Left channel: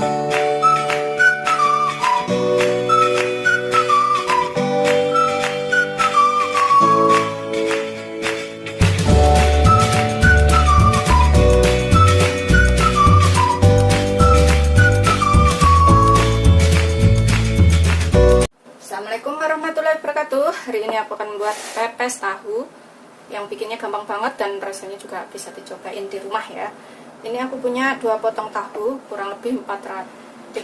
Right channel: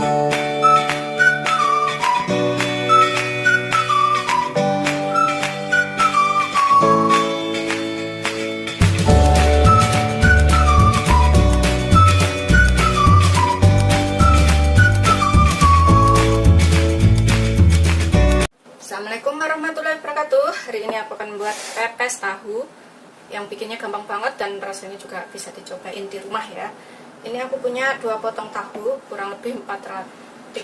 Assalamualaikum warahmatullahi wabarakatuh. Hari ini aku akan membuat pepes tahu yang bikinnya gampang banget dan rasanya juga bisa dicobain di rumah ya. Ini aku punya 2 potong tahu kurang lebih 350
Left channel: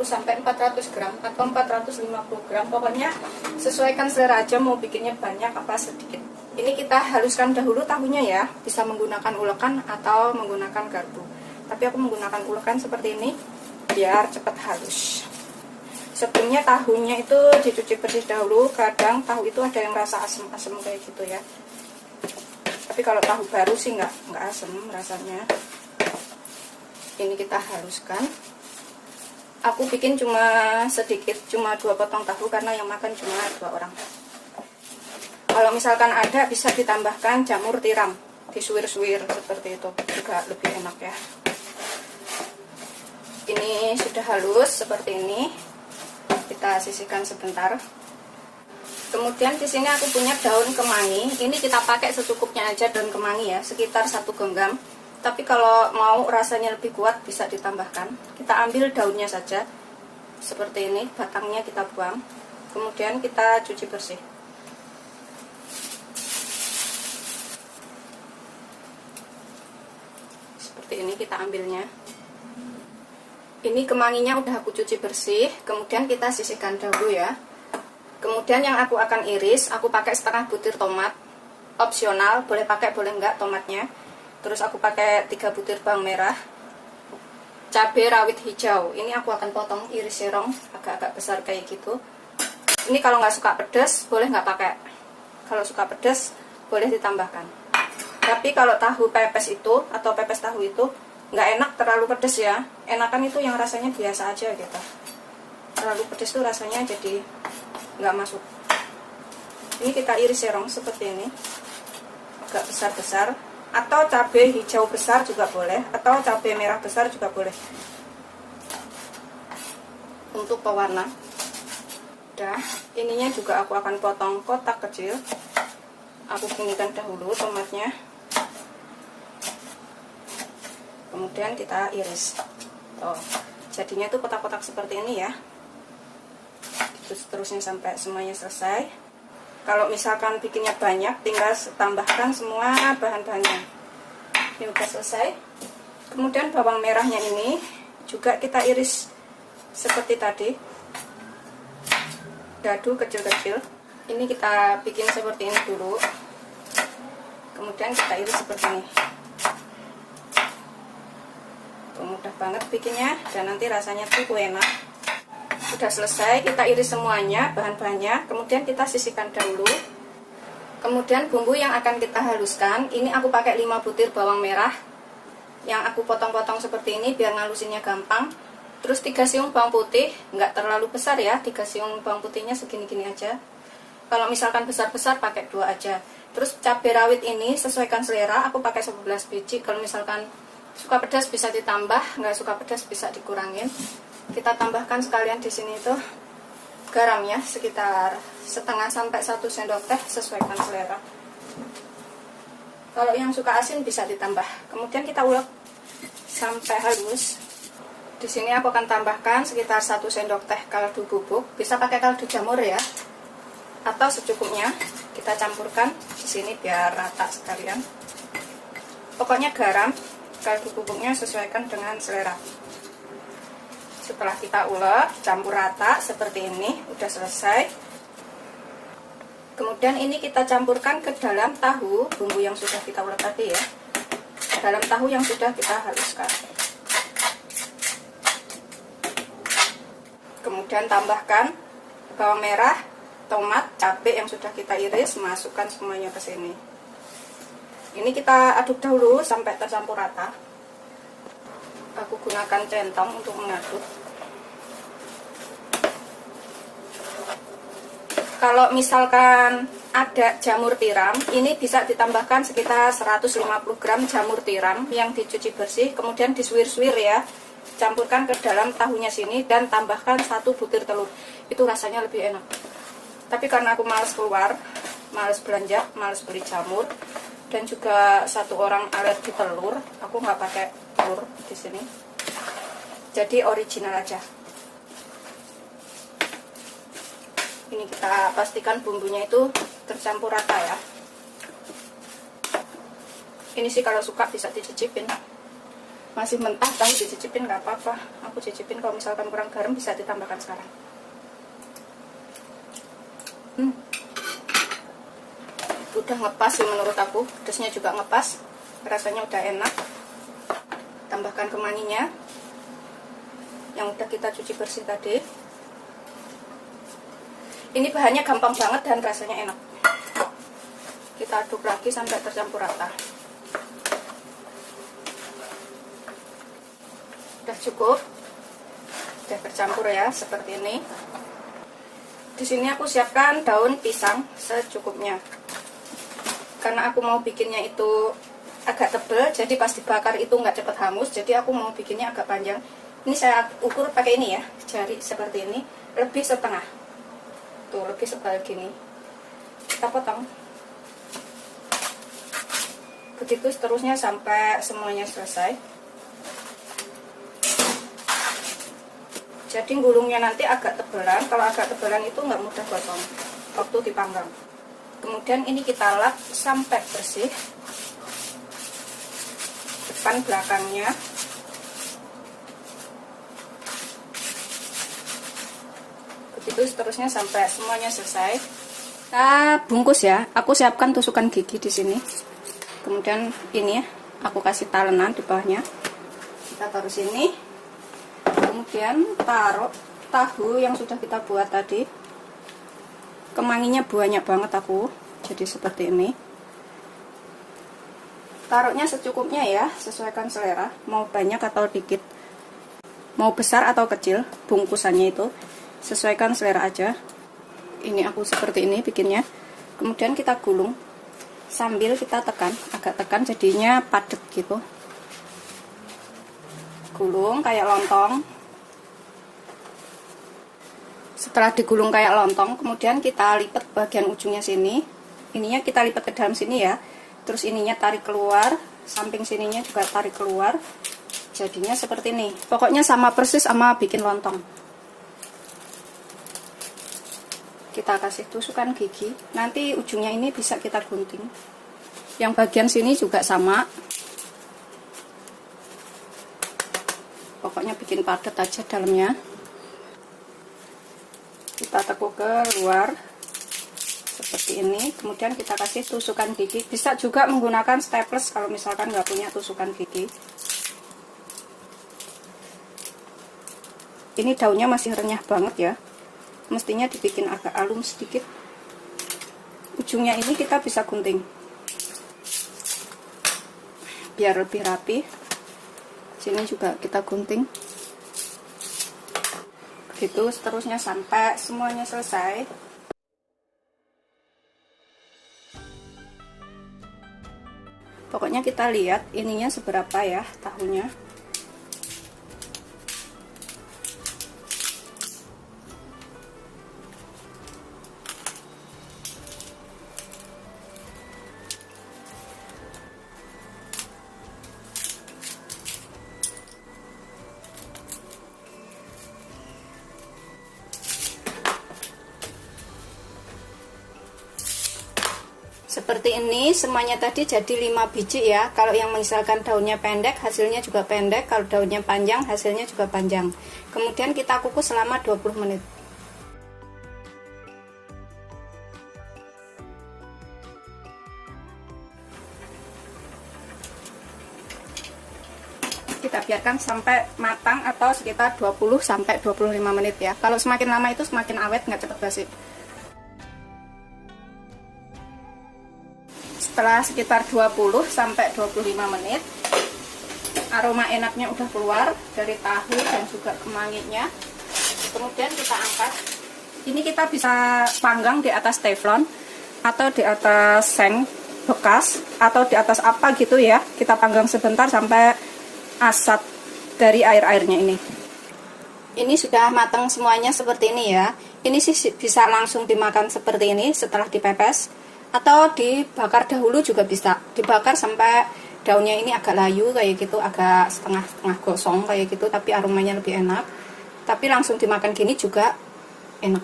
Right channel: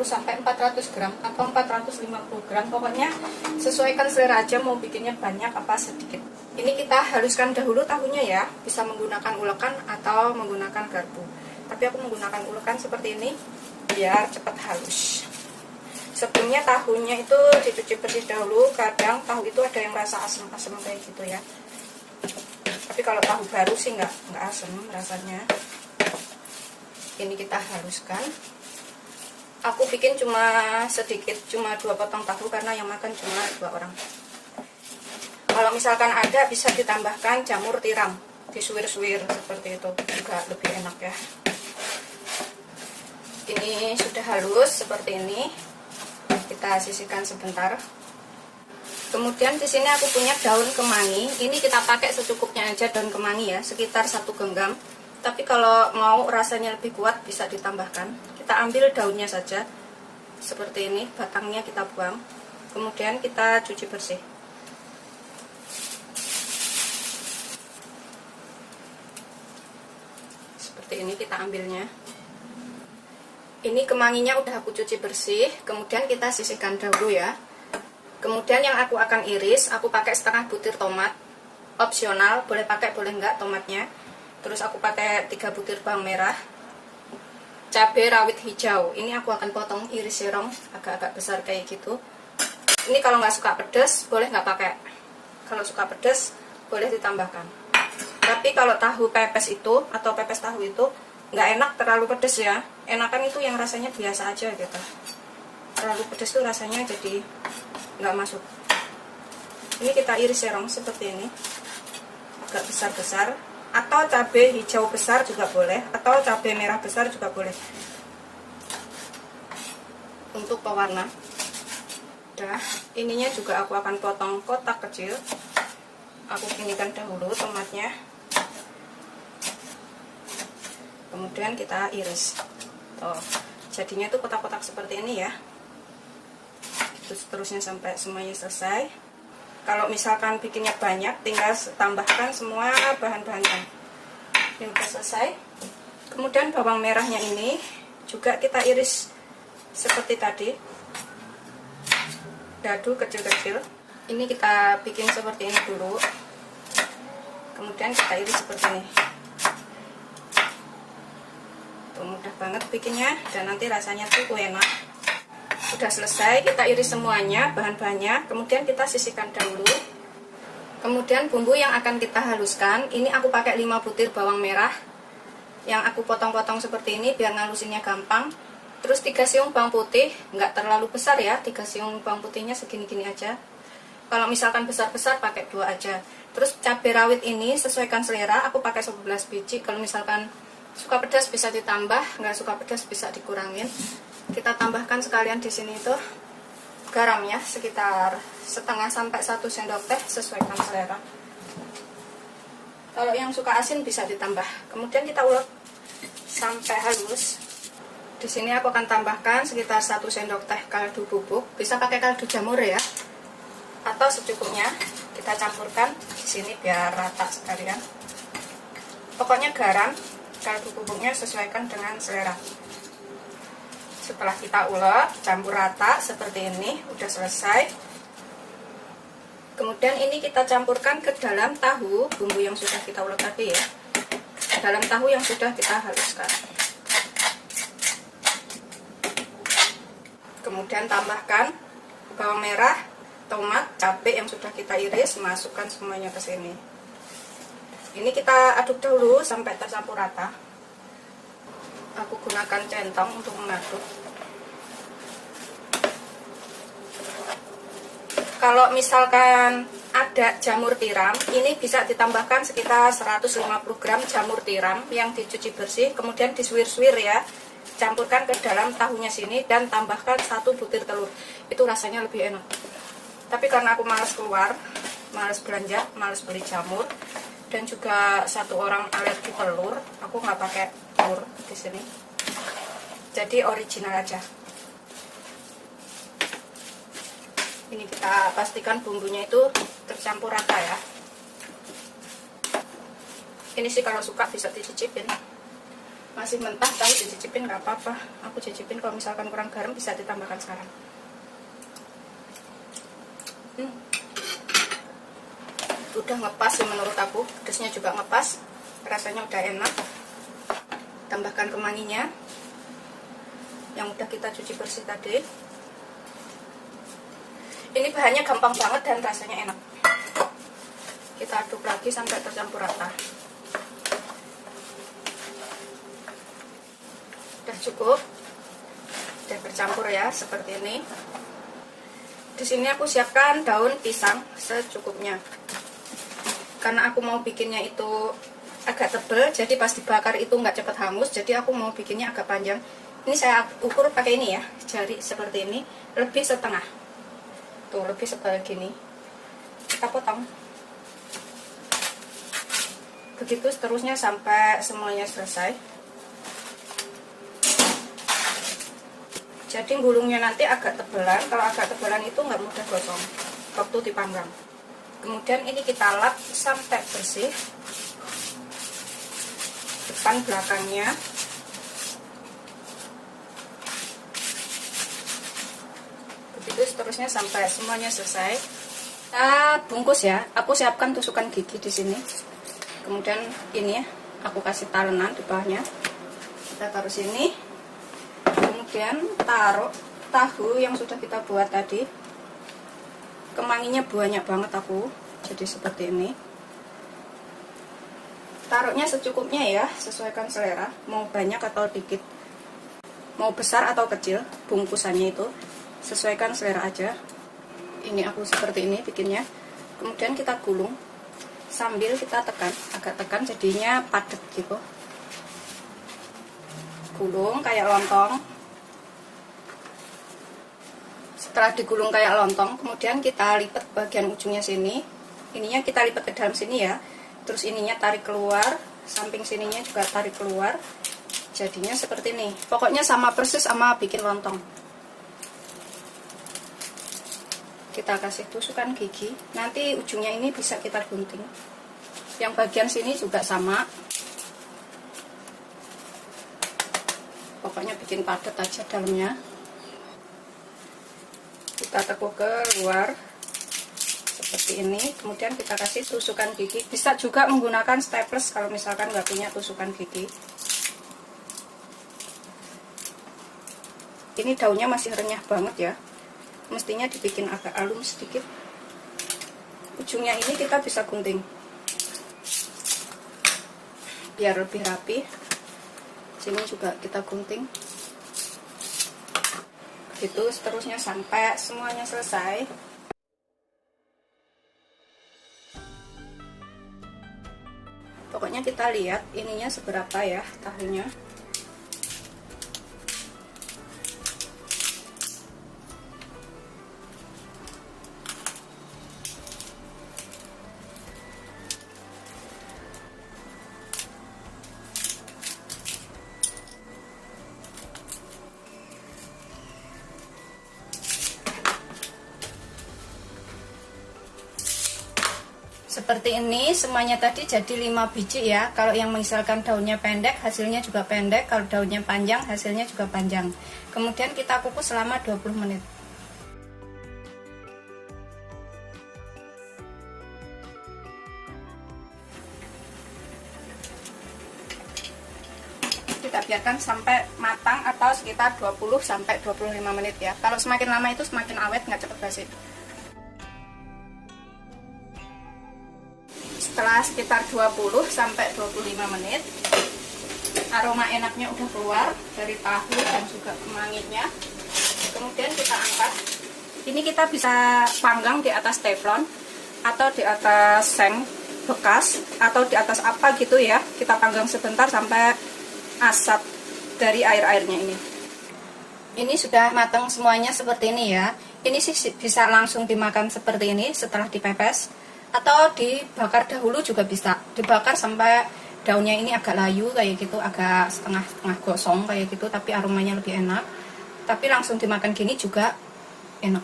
sampai 400 gram atau 450 gram. Pokoknya sesuaikan selera aja mau bikinnya banyak apa sedikit. Ini kita haluskan dahulu tahunya ya. Bisa menggunakan ulekan atau menggunakan garpu. Tapi aku menggunakan ulekan seperti ini biar cepat halus. Sebelumnya tahunya itu dicuci bersih dahulu. Kadang tahu itu ada yang rasa asam-asam kayak gitu ya. Tapi kalau tahu baru sih nggak asam rasanya. Ini kita haluskan. Aku bikin cuma sedikit, cuma 2 potong tahu karena yang makan cuma 2 orang. Kalau misalkan ada bisa ditambahkan jamur tiram, disuir-suir seperti itu juga lebih enak ya. Ini sudah halus seperti ini. Kita sisihkan sebentar. Kemudian di sini aku punya daun kemangi. Ini kita pakai secukupnya aja daun kemangi ya, sekitar 1 genggam. Tapi kalau mau rasanya lebih kuat bisa ditambahkan. Kita ambil daunnya saja. Seperti ini, batangnya kita buang. Kemudian kita cuci bersih. Seperti ini kita ambilnya. Ini kemanginya udah aku cuci bersih, kemudian kita sisihkan dahulu ya. Kemudian yang aku akan iris, aku pakai setengah butir tomat. Opsional, boleh pakai boleh enggak tomatnya. Terus aku pakai 3 butir bawang merah. Cabai rawit hijau, ini aku akan potong iris serong agak-agak besar kayak gitu. Ini kalau nggak suka pedas, boleh nggak pakai. Kalau suka pedas, boleh ditambahkan. Tapi kalau tahu pepes itu, atau pepes tahu itu, nggak enak terlalu pedas ya. Enakan itu yang rasanya biasa aja gitu. Terlalu pedas tuh rasanya jadi nggak masuk. Ini kita iris serong seperti ini, agak besar-besar. Atau cabai hijau besar juga boleh, atau cabai merah besar juga boleh. Untuk pewarna. Udah, ininya juga aku akan potong kotak kecil. Aku pinggikan dahulu tomatnya. Kemudian kita iris. Jadinya tuh kotak-kotak seperti ini ya. Terus seterusnya sampai semuanya selesai. Kalau misalkan bikinnya banyak, tinggal tambahkan semua bahan-bahannya. Ini udah selesai. Kemudian bawang merahnya ini juga kita iris seperti tadi. Dadu kecil-kecil. Ini kita bikin seperti ini dulu. Kemudian kita iris seperti ini. Mudah banget bikinnya dan nanti rasanya tuh enak. Sudah selesai, kita iris semuanya bahan-bahannya, kemudian kita sisihkan dahulu. Kemudian bumbu yang akan kita haluskan, ini aku pakai 5 butir bawang merah yang aku potong-potong seperti ini biar ngalusinnya gampang. Terus 3 siung bawang putih, nggak terlalu besar ya, 3 siung bawang putihnya segini-gini aja. Kalau misalkan besar-besar pakai 2 aja. Terus cabai rawit ini sesuaikan selera, aku pakai 11 biji. Kalau misalkan suka pedas bisa ditambah, nggak suka pedas bisa dikurangin. Kita tambahkan sekalian di sini tuh garamnya sekitar setengah sampai 1 sendok teh sesuaikan selera. Kalau yang suka asin bisa ditambah. Kemudian kita ulek sampai halus. Di sini aku akan tambahkan sekitar 1 sendok teh kaldu bubuk. Bisa pakai kaldu jamur ya, atau secukupnya. Kita campurkan di sini biar rata sekalian. Pokoknya garam, kaldu bubuknya sesuaikan dengan selera. Setelah kita ulek, campur rata seperti ini, udah selesai. Kemudian ini kita campurkan ke dalam tahu, bumbu yang sudah kita ulek tadi ya. Dalam tahu yang sudah kita haluskan. Kemudian tambahkan bawang merah, tomat, cabai yang sudah kita iris, masukkan semuanya ke sini. Ini kita aduk dahulu sampai tercampur rata. Aku gunakan centong untuk mengaduk. Kalau misalkan ada jamur tiram, ini bisa ditambahkan sekitar 150 gram jamur tiram yang dicuci bersih, kemudian disuir-suir ya. campurkan ke dalam tahunya sini dan tambahkan 1 butir telur. Itu rasanya lebih enak. Tapi karena aku malas keluar, malas belanja, malas beli jamur, dan juga 1 orang alergi telur, aku nggak pakai telur di sini. Jadi original aja. Ini kita pastikan bumbunya itu tercampur rata ya. Ini sih kalau suka bisa dicicipin. Masih mentah tahu dicicipin nggak apa-apa. Aku cicipin, kalau misalkan kurang garam bisa ditambahkan sekarang. Udah ngepas sih menurut aku. Pedasnya juga ngepas. Rasanya udah enak. Tambahkan kemanginya yang udah kita cuci bersih tadi. Ini bahannya gampang banget dan rasanya enak. Kita aduk lagi sampai tercampur rata. Udah cukup. Udah tercampur ya, seperti ini. Di sini aku siapkan daun pisang secukupnya. Karena aku mau bikinnya itu agak tebal, jadi pas dibakar itu nggak cepat hangus. Jadi aku mau bikinnya agak panjang. Ini saya ukur pakai ini ya, jari seperti ini, lebih setengah. Tuh, lebih sebalik gini. Kita potong. Begitu seterusnya sampai semuanya selesai. Jadi gulungnya nanti agak tebalan. Kalau agak tebalan itu nggak mudah gosong waktu dipanggang. Kemudian ini kita lap sampai bersih, depan belakangnya. Begitu seterusnya sampai semuanya selesai. Kita bungkus ya. Aku siapkan tusukan gigi di sini. Kemudian ini ya, aku kasih talenan di bawahnya. Kita taruh sini. Kemudian taruh tahu yang sudah kita buat tadi. Kemanginya banyak banget aku. Jadi seperti ini. Taruhnya secukupnya ya, sesuaikan selera. Mau banyak atau dikit. Mau besar atau kecil bungkusannya itu. Sesuaikan selera aja. Ini aku seperti ini bikinnya. Kemudian kita gulung sambil kita tekan, agak tekan jadinya padat gitu. Gulung kayak lontong. Setelah digulung kayak lontong, kemudian kita lipat bagian ujungnya sini. Ininya kita lipat ke dalam sini ya. Terus ininya tarik keluar, samping sininya juga tarik keluar. Jadinya seperti ini. Pokoknya sama persis sama bikin lontong. Kita kasih tusukan gigi. Nanti ujungnya ini bisa kita gunting. Yang bagian sini juga sama. Pokoknya bikin padat aja dalamnya. Kita tekuk ke luar seperti ini. Kemudian kita kasih tusukan gigi. Bisa juga menggunakan staples kalau misalkan nggak punya tusukan gigi. Ini daunnya masih renyah banget ya. Mestinya dibikin agak alum sedikit. Ujungnya ini kita bisa gunting biar lebih rapi. Sini juga kita gunting. Gitu seterusnya sampai semuanya selesai. Pokoknya kita lihat ininya seberapa ya tahunya. Seperti ini semuanya tadi jadi 5 biji ya. Kalau yang misalkan daunnya pendek hasilnya juga pendek, kalau daunnya panjang hasilnya juga panjang. Kemudian kita kukus selama 20 menit. Kita biarkan sampai matang atau sekitar 20-25 menit ya. Kalau semakin lama itu semakin awet, nggak cepat basi. Setelah sekitar 20-25 menit, aroma enaknya udah keluar dari tahu dan juga kemanginya. Kemudian kita angkat. Ini kita bisa panggang di atas teflon atau di atas seng bekas atau di atas apa gitu ya. Kita panggang sebentar sampai asap dari air-airnya ini. Ini sudah matang semuanya seperti ini ya. Ini sih bisa langsung dimakan seperti ini setelah dipepes, atau dibakar dahulu juga bisa. Dibakar sampai daunnya ini agak layu kayak gitu, agak setengah-setengah gosong kayak gitu, tapi aromanya lebih enak. Tapi langsung dimakan gini juga enak.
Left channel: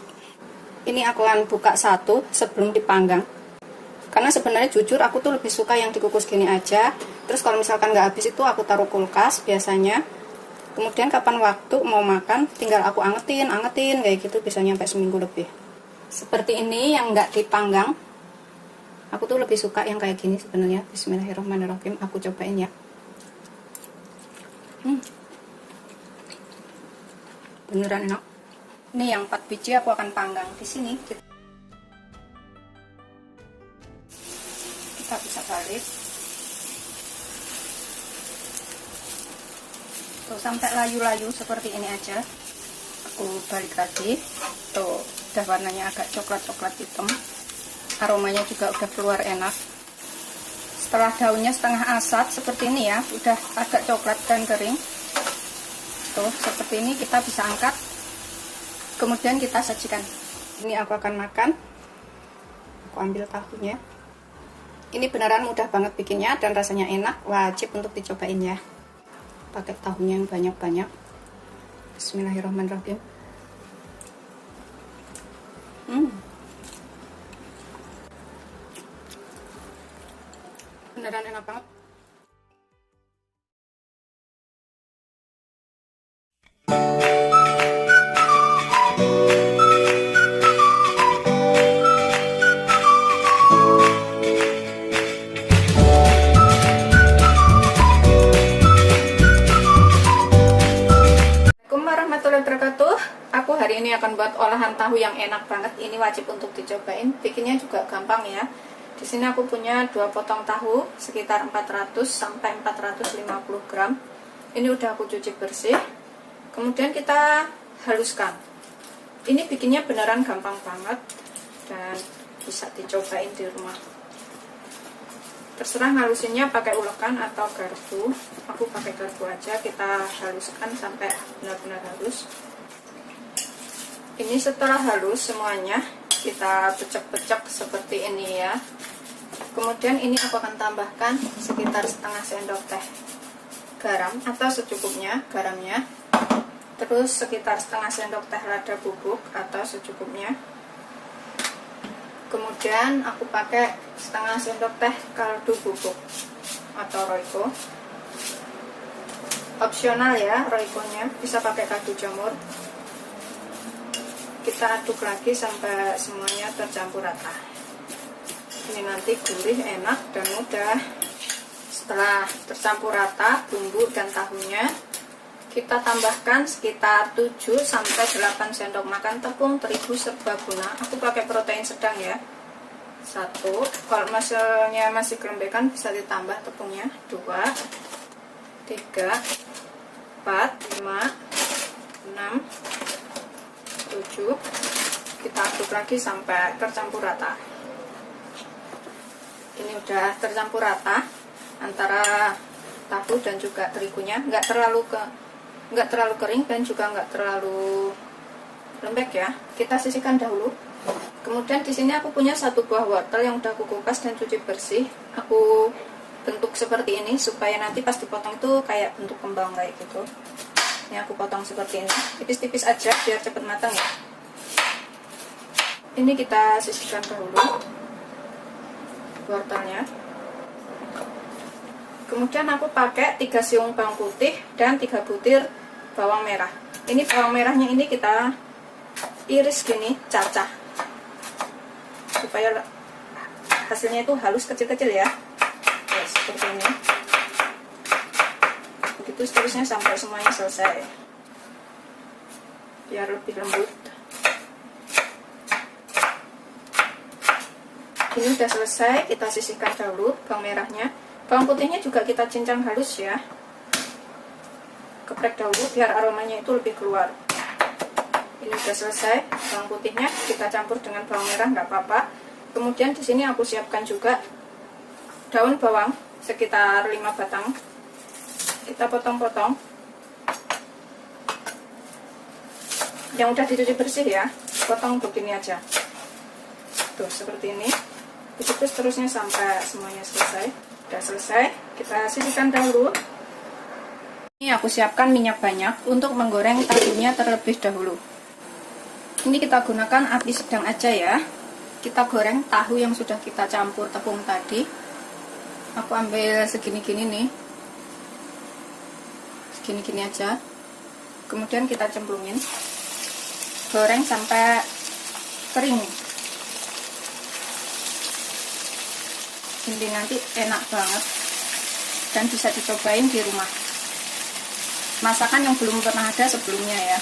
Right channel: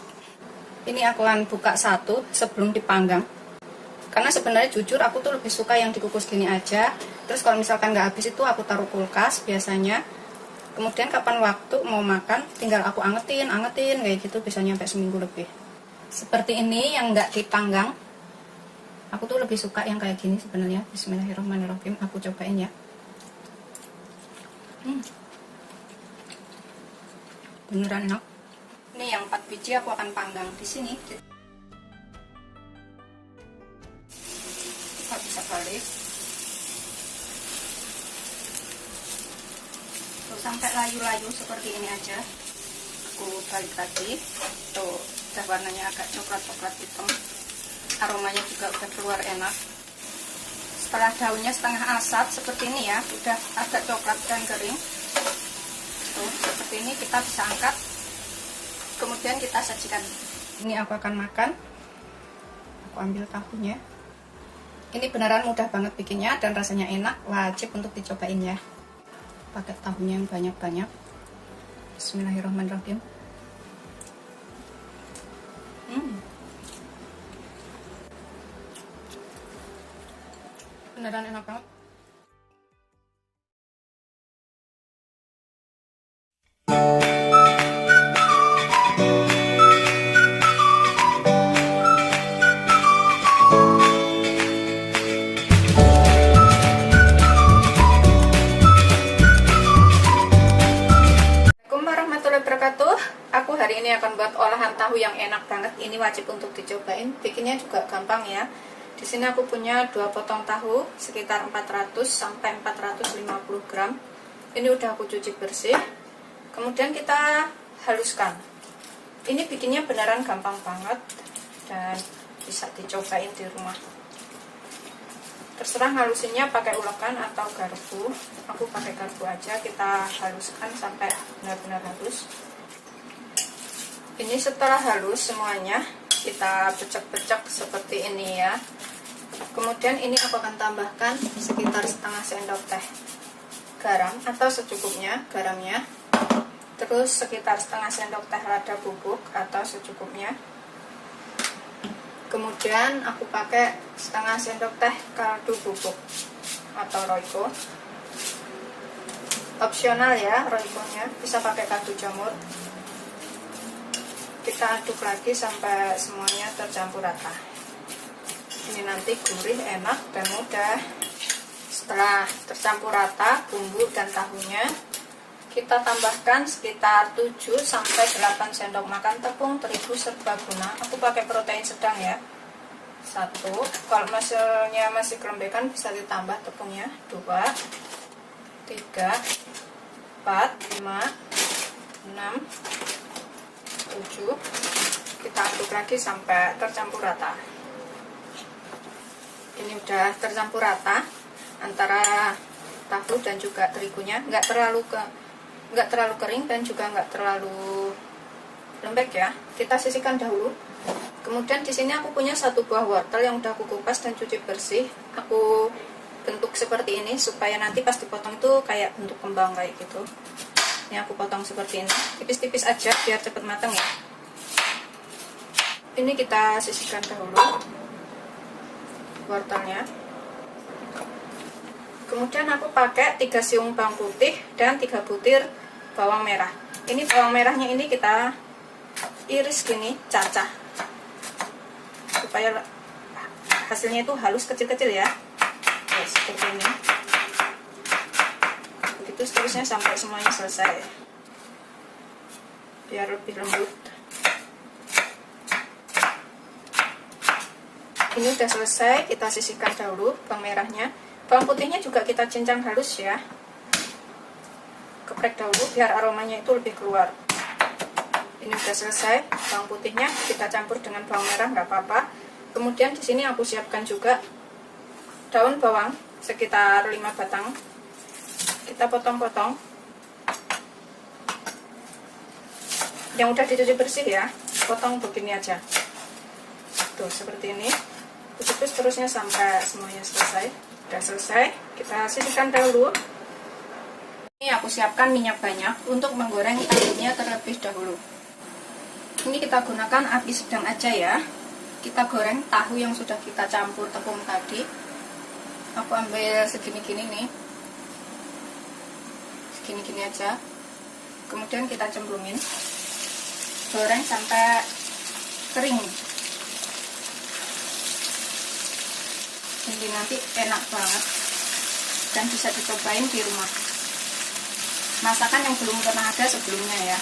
Ini aku akan buka satu sebelum dipanggang. Karena sebenarnya jujur aku tuh lebih suka yang dikukus gini aja. Terus kalau misalkan nggak habis itu aku taruh kulkas biasanya. Kemudian kapan waktu mau makan tinggal aku angetin kayak gitu, bisa nyampe seminggu lebih. Seperti ini yang nggak dipanggang. Aku tuh lebih suka yang kayak gini sebenarnya. Bismillahirrahmanirrahim, aku cobain ya. Beneran enak. Ini yang 4 biji aku akan panggang di sini. Kita bisa balik. Tuh, sampai layu-layu seperti ini aja. Aku balik lagi. Tuh, udah warnanya agak coklat-coklat hitam. Aromanya juga udah keluar enak. Setelah daunnya setengah asat seperti ini ya, udah agak coklat dan kering. Tuh, seperti ini kita bisa angkat. Kemudian kita sajikan. Ini aku akan makan. Aku ambil tahunya. Ini beneran mudah banget bikinnya dan rasanya enak. Wajib untuk dicobain ya. Pakai tahunya yang banyak-banyak. Bismillahirrahmanirrahim. Beneran enak banget. Aku hari ini akan buat olahan tahu yang enak banget. Ini wajib untuk dicobain. Bikinnya juga gampang ya. Di sini aku punya 2 potong tahu sekitar 400 sampai 450 gram. Ini udah aku cuci bersih. Kemudian kita haluskan. Ini bikinnya beneran gampang banget dan bisa dicobain di rumah. Terserah halusinnya pakai ulekan atau garpu. Aku pakai garpu aja. Kita haluskan sampai benar-benar halus. Ini setelah halus semuanya, kita becek-becek seperti ini ya. Kemudian ini aku akan tambahkan sekitar setengah sendok teh garam atau secukupnya garamnya. Terus sekitar setengah sendok teh lada bubuk atau secukupnya. Kemudian aku pakai setengah sendok teh kaldu bubuk atau roiko. Opsional ya roikonya, bisa pakai kaldu jamur. Kita aduk lagi sampai semuanya tercampur rata. Ini nanti gurih, enak, dan mudah. Setelah tercampur rata bumbu dan tahunya, kita tambahkan sekitar 7-8 sendok makan tepung terigu serbaguna. Aku pakai protein sedang ya. 1. Kalau misalnya masih kelembekan bisa ditambah tepungnya. 2, 3, 4, 5, 6, 7. Kita aduk lagi sampai tercampur rata. Ini udah tercampur rata antara tahu dan juga terigunya, nggak terlalu kering dan juga nggak terlalu lembek ya. Kita sisihkan dahulu. Kemudian di sini aku punya 1 buah wortel yang udah aku kupas dan cuci bersih. Aku bentuk seperti ini supaya nanti pas dipotong itu kayak bentuk kembang kayak gitu. Ini aku potong seperti ini, tipis-tipis aja biar cepet matang ya. Ini kita sisihkan dahulu wortelnya. Kemudian aku pakai 3 siung bawang putih dan 3 butir bawang merah. Ini bawang merahnya ini kita iris gini, cacah, supaya hasilnya itu halus kecil-kecil ya. Oke, seperti ini. Begitu seterusnya sampai semuanya selesai, biar lebih lembut. Ini udah selesai, kita sisihkan dahulu bawang merahnya. Bawang putihnya juga kita cincang halus ya. Geprek dahulu biar aromanya itu lebih keluar. Ini udah selesai, bawang putihnya kita campur dengan bawang merah, nggak apa-apa. Kemudian di sini aku siapkan juga daun bawang sekitar 5 batang. Kita potong-potong yang udah dicuci bersih ya, potong begini aja. Tuh seperti ini. Begitu seterusnya sampai semuanya selesai. Udah selesai, kita sisihkan dahulu. Ini aku siapkan minyak banyak untuk menggoreng tahunya terlebih dahulu. Ini kita gunakan api sedang aja ya. Kita goreng tahu yang sudah kita campur tepung tadi. Aku ambil segini-gini nih, segini-gini aja. Kemudian kita cemplungin, goreng sampai kering. Ini nanti enak banget dan bisa dicobain di rumah. Masakan yang belum pernah ada sebelumnya ya.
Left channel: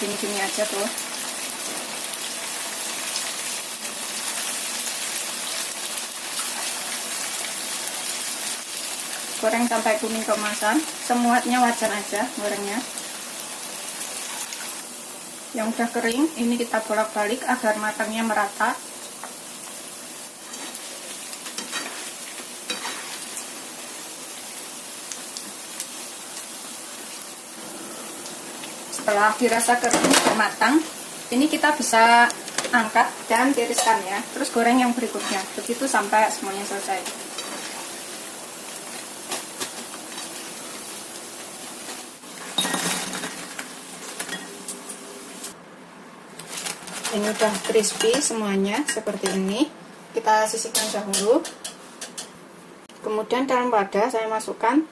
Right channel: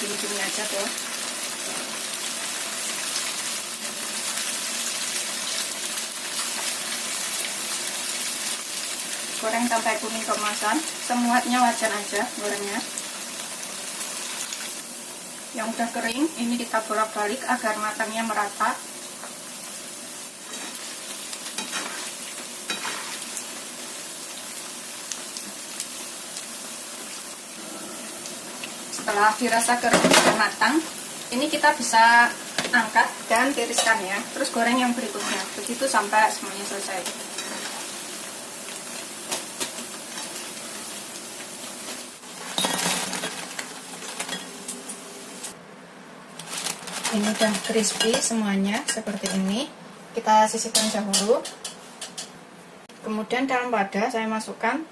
Gini-gini aja tuh. Goreng sampai kuning keemasan, semuanya wajar aja gorengnya. Yang udah kering, ini kita bolak-balik agar matangnya merata. Setelah dirasa kering dan matang, ini kita bisa angkat dan tiriskan ya. Terus goreng yang berikutnya, begitu sampai semuanya selesai. Ini udah crispy semuanya seperti ini. Kita sisihkan dahulu. Kemudian dalam wadah saya masukkan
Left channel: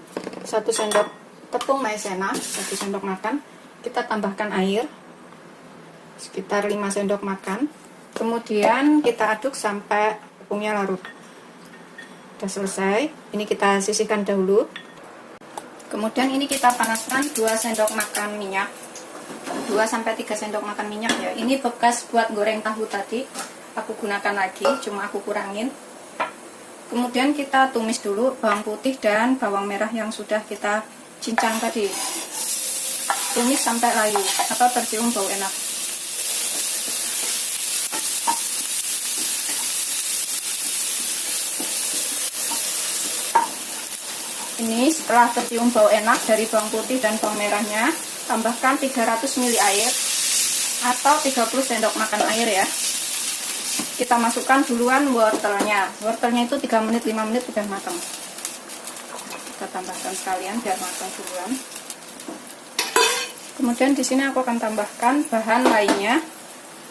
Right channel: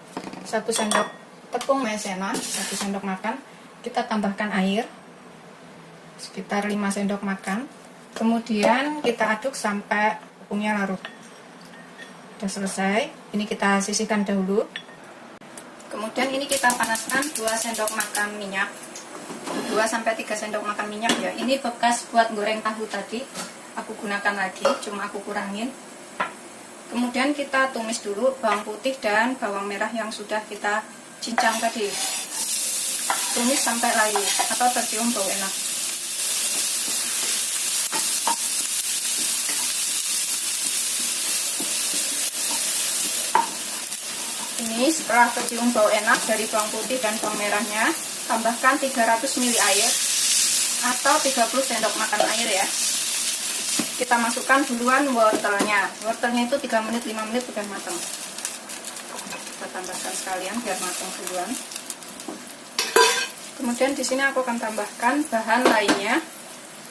1 sendok tepung maizena, 1 sendok makan. Kita tambahkan air sekitar 5 sendok makan. Kemudian kita aduk sampai tepungnya larut. Sudah selesai. Ini kita sisihkan dahulu. Kemudian ini kita panaskan 2 sendok makan minyak. 2-3 sendok makan minyak ya. Ini bekas buat goreng tahu tadi. Aku gunakan lagi, cuma aku kurangin. Kemudian kita tumis dulu bawang putih dan bawang merah yang sudah kita cincang tadi. Tumis sampai layu atau tercium bau enak. Ini setelah tercium bau enak dari bawang putih dan bawang merahnya, tambahkan 300 ml air atau 30 sendok makan air ya. Kita masukkan duluan wortelnya. Wortelnya itu 3 menit 5 menit sudah matang. Kita tambahkan sekalian biar matang duluan. Kemudian di sini aku akan tambahkan bahan lainnya.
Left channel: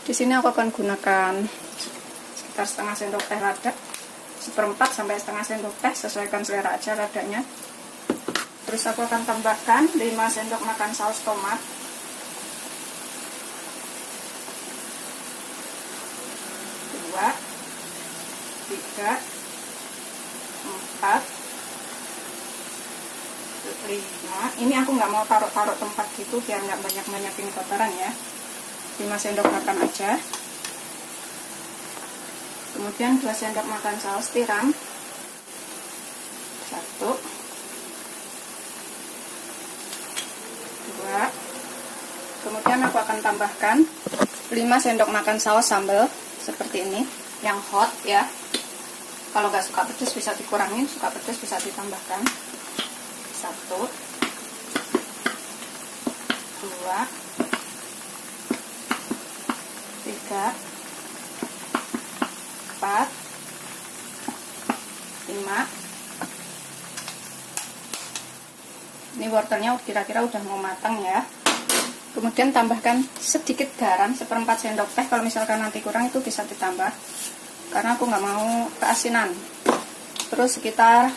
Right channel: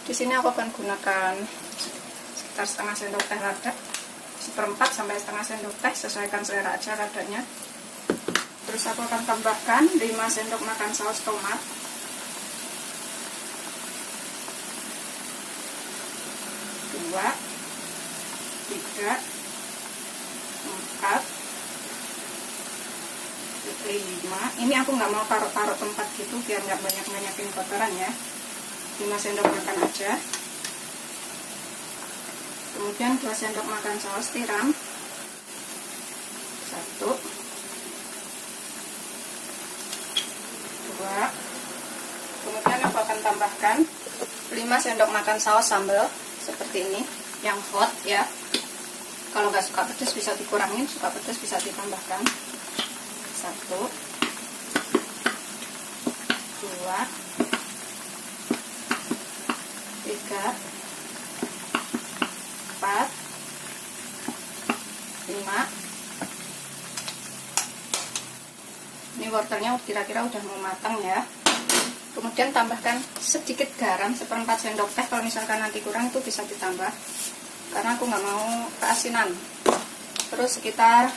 Di sini aku akan gunakan sekitar setengah sendok teh lada, 1/4 sampai setengah sendok teh, sesuaikan selera aja ladanya. Terus aku akan tambahkan 5 sendok makan saus tomat. Dua, 3, 4, 5. Ini aku nggak mau taruh-taruh tempat gitu biar nggak banyak-banyakin kotoran ya. 5 sendok makan aja. Kemudian 2 sendok makan saus tiram. 1, 2. Kemudian aku akan tambahkan 5 sendok makan saus sambal seperti ini, yang hot ya. Kalau nggak suka pedas bisa dikurangin, suka pedas bisa ditambahkan. 1, 2, 3, 4, 5. Ini wortelnya kira-kira udah mau matang ya. Kemudian tambahkan sedikit garam, 1/4 sendok teh. Kalau misalkan nanti kurang itu bisa ditambah, karena aku nggak mau keasinan. Terus sekitar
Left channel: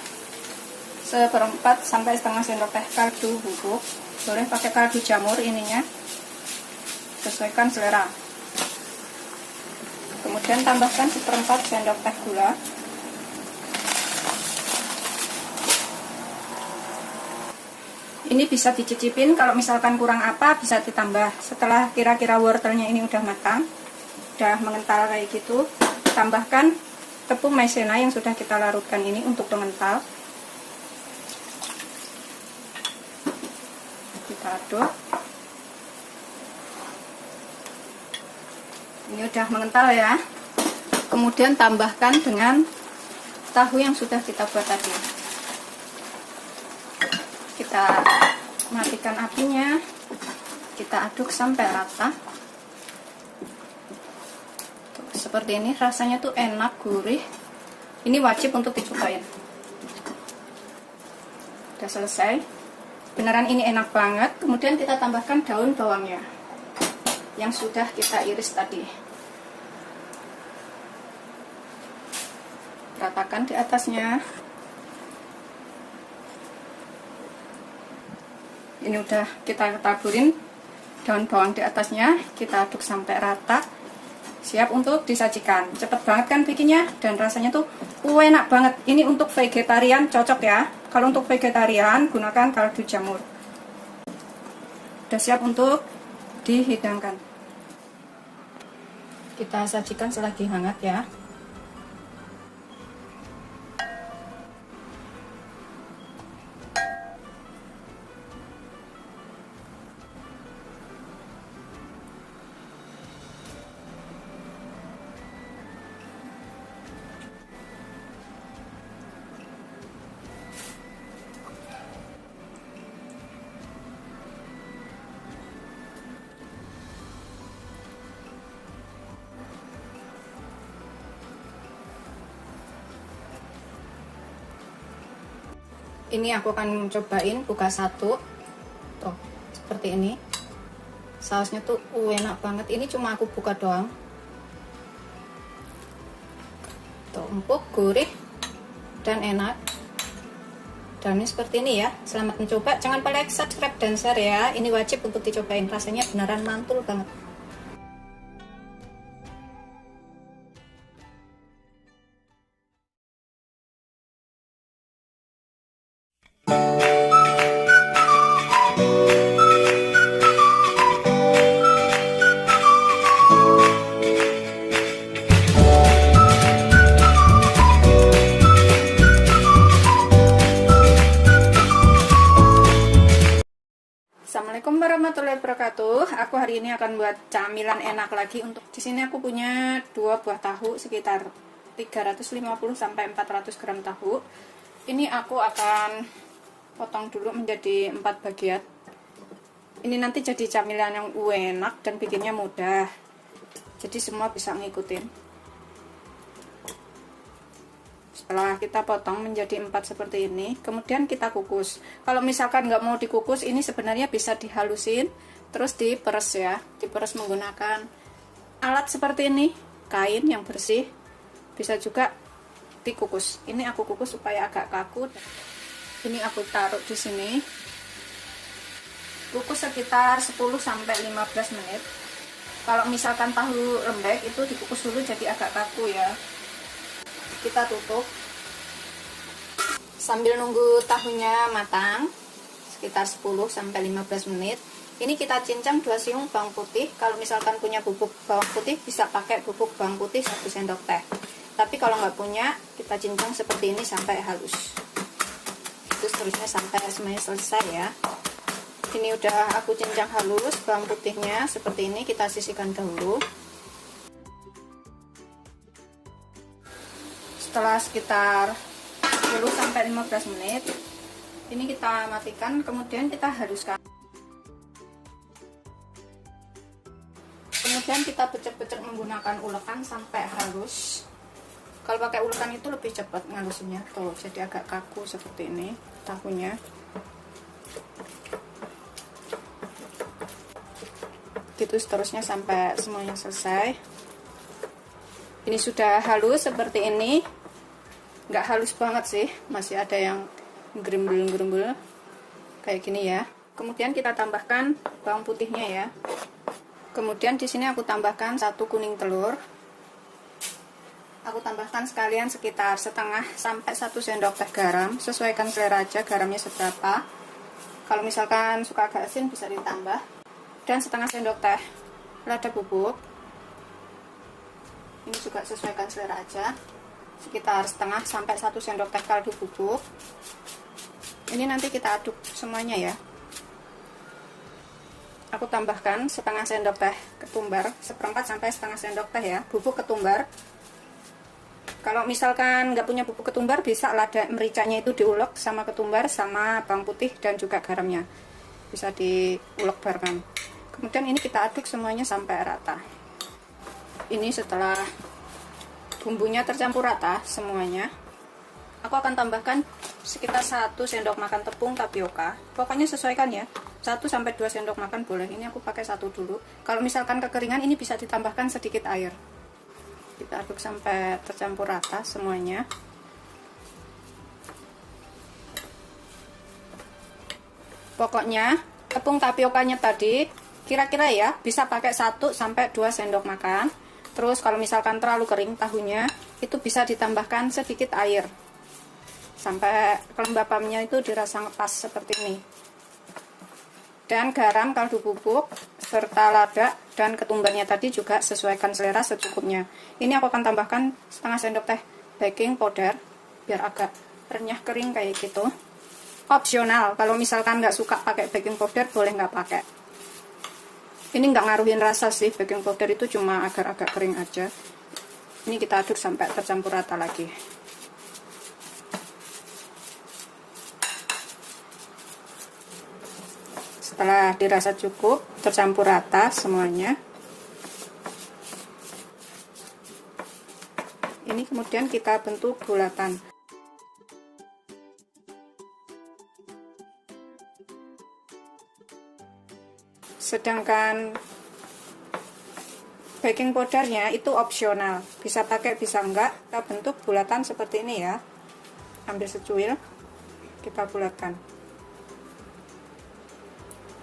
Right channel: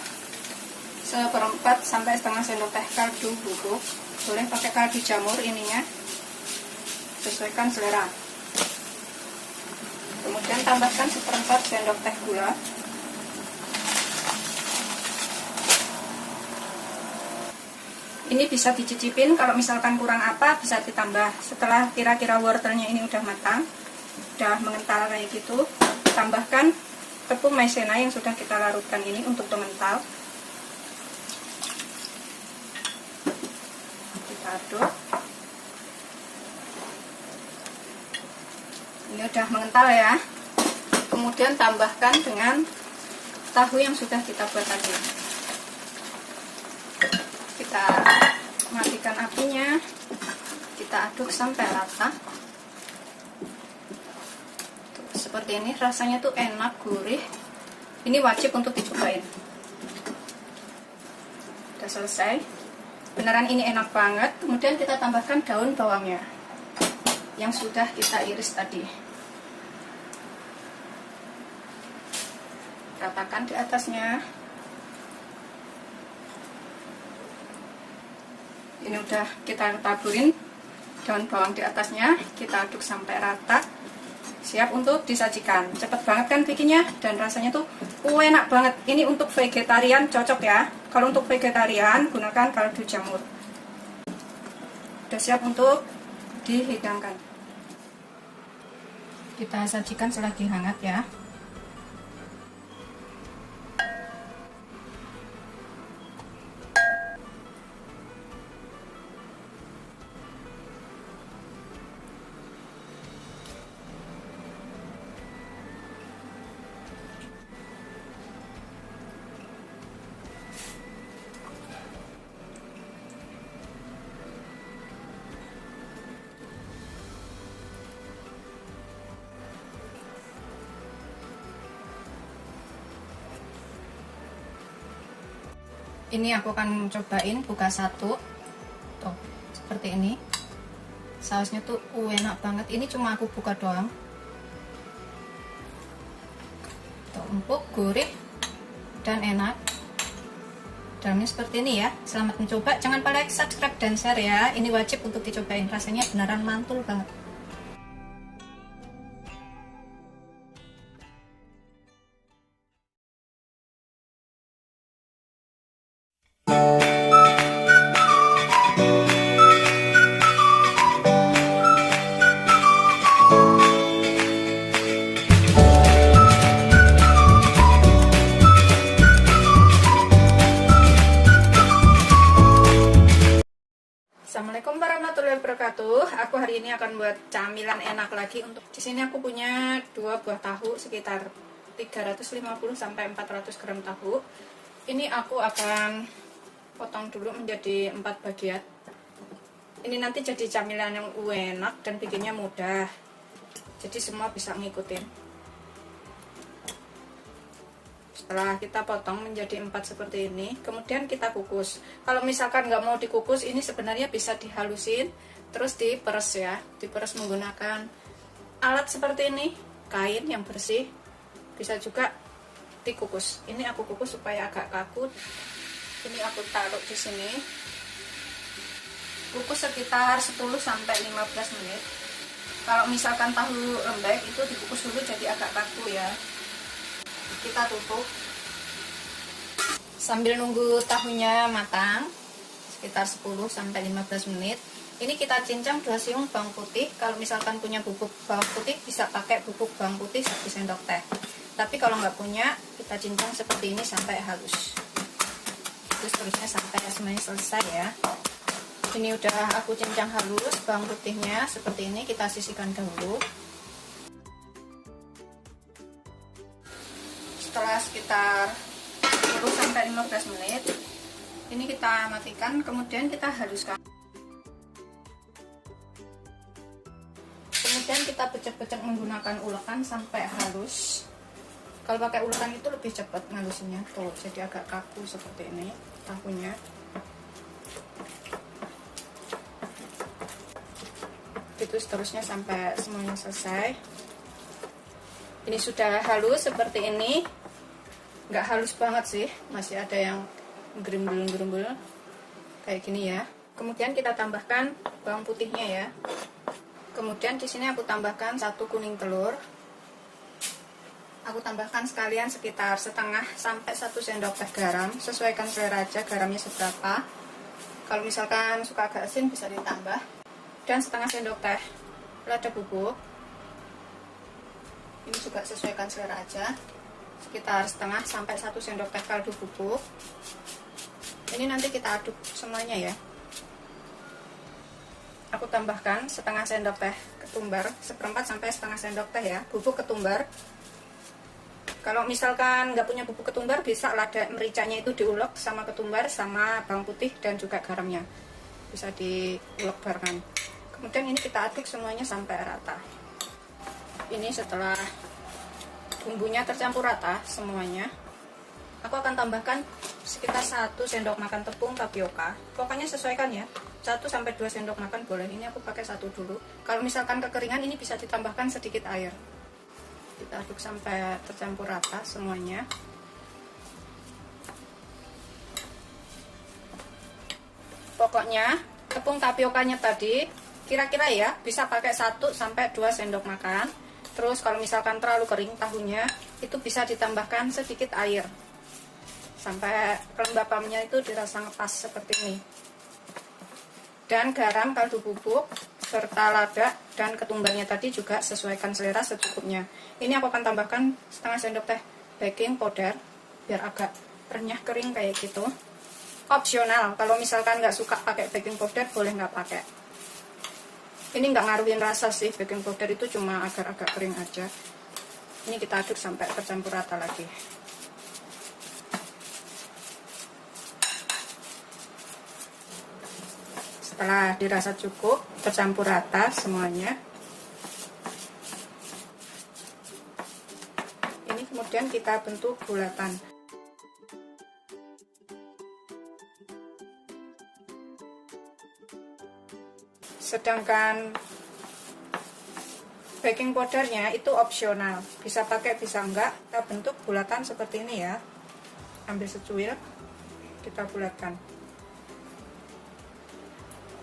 1/4 sampai setengah sendok teh kaldu bubuk. Boleh pakai kaldu jamur ininya, sesuaikan selera. Kemudian tambahkan 1/4 sendok teh gula. Ini bisa dicicipin, kalau misalkan kurang apa bisa ditambah. Setelah kira-kira wortelnya ini udah matang, udah mengental kayak gitu, tambahkan tepung maizena yang sudah kita larutkan ini untuk mengental. Kita aduk. Ini udah mengental ya. Kemudian tambahkan dengan tahu yang sudah kita buat tadi. Kita matikan kecilkan apinya, kita aduk sampai rata. Seperti ini, rasanya tuh enak, gurih. Ini wajib untuk dicobain. Udah selesai. Beneran ini enak banget. Kemudian kita tambahkan daun bawangnya yang sudah kita iris tadi. Ratakan di atasnya. Ini udah kita taburin daun bawang di atasnya, kita aduk sampai rata. Siap untuk disajikan. Cepet banget kan bikinnya, dan rasanya tuh enak banget. Ini untuk vegetarian cocok ya. Kalau untuk vegetarian gunakan kaldu jamur. Udah siap untuk dihidangkan. Kita sajikan selagi hangat ya. Ini aku akan cobain buka satu. Tuh, seperti ini. Sausnya tuh enak banget. Ini cuma aku buka doang. Tuh, empuk, gurih, dan enak. Dalamnya seperti ini ya. Selamat mencoba. Jangan lupa like, subscribe, dan share ya. Ini wajib untuk dicobain. Rasanya beneran mantul banget. Assalamualaikum warahmatullahi wabarakatuh. Aku hari ini akan buat camilan enak lagi. Untuk di sini aku punya 2 buah tahu sekitar 350 sampai 400 gram tahu. Ini aku akan potong dulu menjadi 4 bagian. Ini nanti jadi camilan yang enak dan bikinnya mudah. Jadi semua bisa ngikutin. Setelah kita potong menjadi 4 seperti ini, kemudian kita kukus. Kalau misalkan nggak mau dikukus, ini sebenarnya bisa dihalusin, terus diperes ya. Diperes menggunakan alat seperti ini, kain yang bersih. Bisa juga dikukus. Ini aku kukus supaya agak kaku. Ini aku taruh di sini. Kukus sekitar 10 sampai 15 menit. Kalau misalkan tahu lembek itu dikukus dulu jadi agak kaku ya. Kita tutup sambil nunggu tahunya matang sekitar 10 sampai 15 menit. Ini kita cincang 2 siung bawang putih. Kalau misalkan punya bubuk bawang putih bisa pakai bubuk bawang putih 1 sendok teh. Tapi kalau nggak punya, kita cincang seperti ini sampai halus. Terus terusnya sampai semuanya selesai ya. Ini udah aku cincang halus bawang putihnya seperti ini. Kita sisihkan dahulu. Setelah sekitar 10 sampai 15 menit, ini kita matikan, kemudian kita haluskan. Kemudian kita pecet-pecet menggunakan ulekan sampai halus. Kalau pakai ulekan itu lebih cepat ngalusinnya, tuh jadi agak kaku seperti ini tahunya. Itu seterusnya sampai semuanya selesai. Ini sudah halus seperti ini. Nggak halus banget sih, masih ada yang gerumbul-gerumbul kayak gini ya. Kemudian kita tambahkan bawang putihnya ya. Kemudian di sini aku tambahkan 1 kuning telur. Aku tambahkan sekalian sekitar setengah sampai 1 sendok teh garam. Sesuaikan selera aja garamnya seberapa. Kalau misalkan suka agak asin bisa ditambah. Dan setengah sendok teh lada bubuk. Ini juga sesuaikan selera aja. Sekitar setengah sampai 1 sendok teh kaldu bubuk. Ini nanti kita aduk semuanya ya. Aku tambahkan setengah sendok teh ketumbar, 1/4 sampai setengah sendok teh ya, bubuk ketumbar. Kalau misalkan nggak punya bubuk ketumbar, bisa lada mericanya itu diulek sama ketumbar sama bawang putih dan juga garamnya. bisa diulek bareng. Kemudian ini kita aduk semuanya sampai rata. Ini setelah bumbunya tercampur rata semuanya, aku akan tambahkan sekitar 1 sendok makan tepung tapioka. Pokoknya sesuaikan ya, 1-2 sendok makan boleh. Ini aku pakai 1 dulu. Kalau misalkan kekeringan, ini bisa ditambahkan sedikit air. Kita aduk sampai tercampur rata semuanya. Pokoknya tepung tapiokanya tadi kira-kira ya bisa pakai 1-2 sendok makan. Terus kalau misalkan terlalu kering tahunya, itu bisa ditambahkan sedikit air sampai kelembapannya itu dirasa ngepas seperti ini. Dan garam, kaldu bubuk, serta lada dan ketumbarnya tadi juga sesuaikan selera secukupnya. Ini aku akan tambahkan setengah sendok teh baking powder biar agak renyah kering kayak gitu. Opsional, kalau misalkan nggak suka pakai baking powder boleh nggak pakai. Ini nggak ngaruhin rasa sih, baking powder itu cuma agar agak kering aja. Ini kita aduk sampai tercampur rata lagi. Setelah dirasa cukup tercampur rata semuanya, ini kemudian kita bentuk bulatan. Sedangkan baking powdernya itu opsional, bisa pakai bisa enggak. Kita bentuk bulatan seperti ini ya. Ambil secuil, kita bulatkan.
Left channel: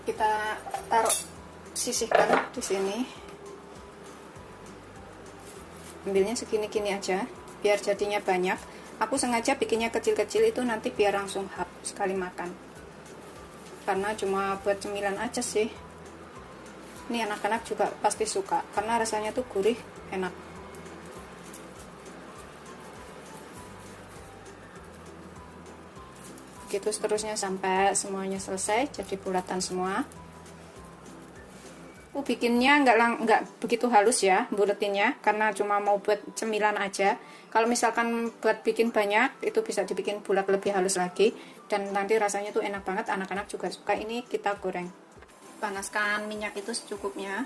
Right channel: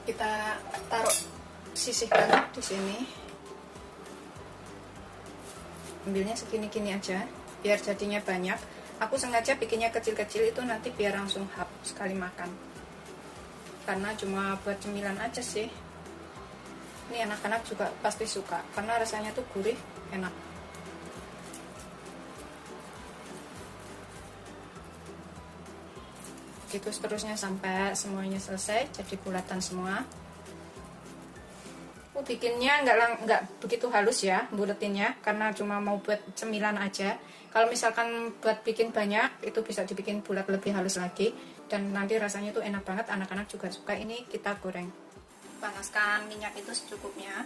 Kita taruh sisihkan di sini. Ambilnya segini-gini aja, biar jadinya banyak. Aku sengaja bikinnya kecil-kecil itu nanti biar langsung habis sekali makan. Karena cuma buat cemilan aja sih. Ini anak-anak juga pasti suka karena rasanya tuh gurih, enak. Gitu seterusnya sampai semuanya selesai jadi bulatan semua. Aku bikinnya nggak begitu halus ya buletinnya, karena cuma mau buat cemilan aja. Kalau misalkan buat bikin banyak, itu bisa dibikin bulat lebih halus lagi, dan nanti rasanya tuh enak banget, anak-anak juga suka. Ini kita goreng. Panaskan minyak itu secukupnya.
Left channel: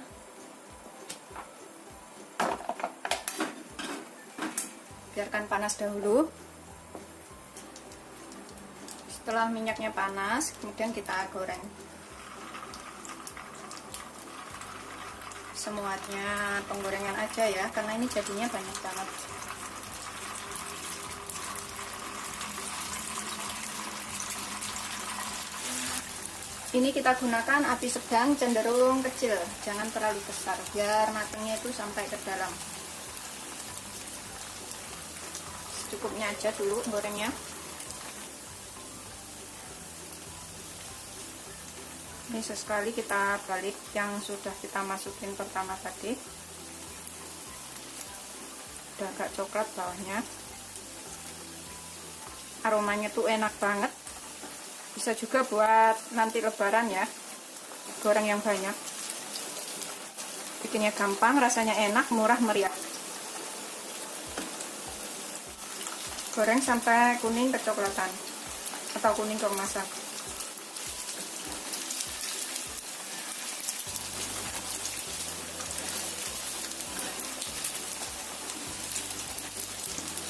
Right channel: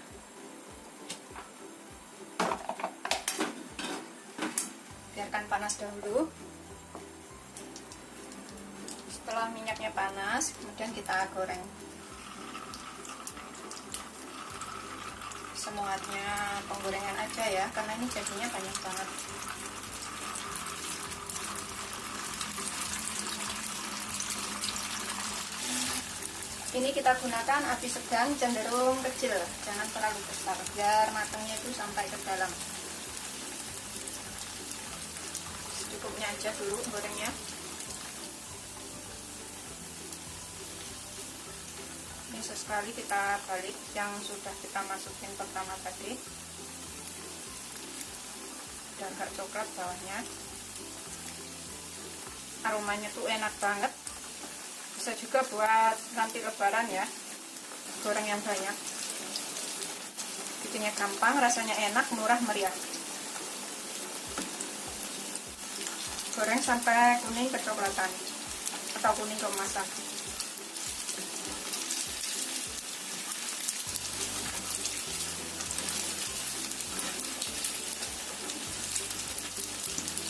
Biarkan panas dahulu. Setelah minyaknya panas, kemudian kita goreng semuanya, penggorengan aja ya, karena ini jadinya banyak banget. Ini kita gunakan api sedang cenderung kecil, jangan terlalu besar, biar matangnya itu sampai ke dalam. Secukupnya aja dulu gorengnya. Ini sesekali kita balik yang sudah kita masukin pertama tadi. Udah agak coklat bawahnya. Aromanya tuh enak banget. Bisa juga buat nanti lebaran ya, goreng yang banyak. Bikinnya gampang, rasanya enak, murah meriah. Goreng sampai kuning kecoklatan atau kuning keemasan.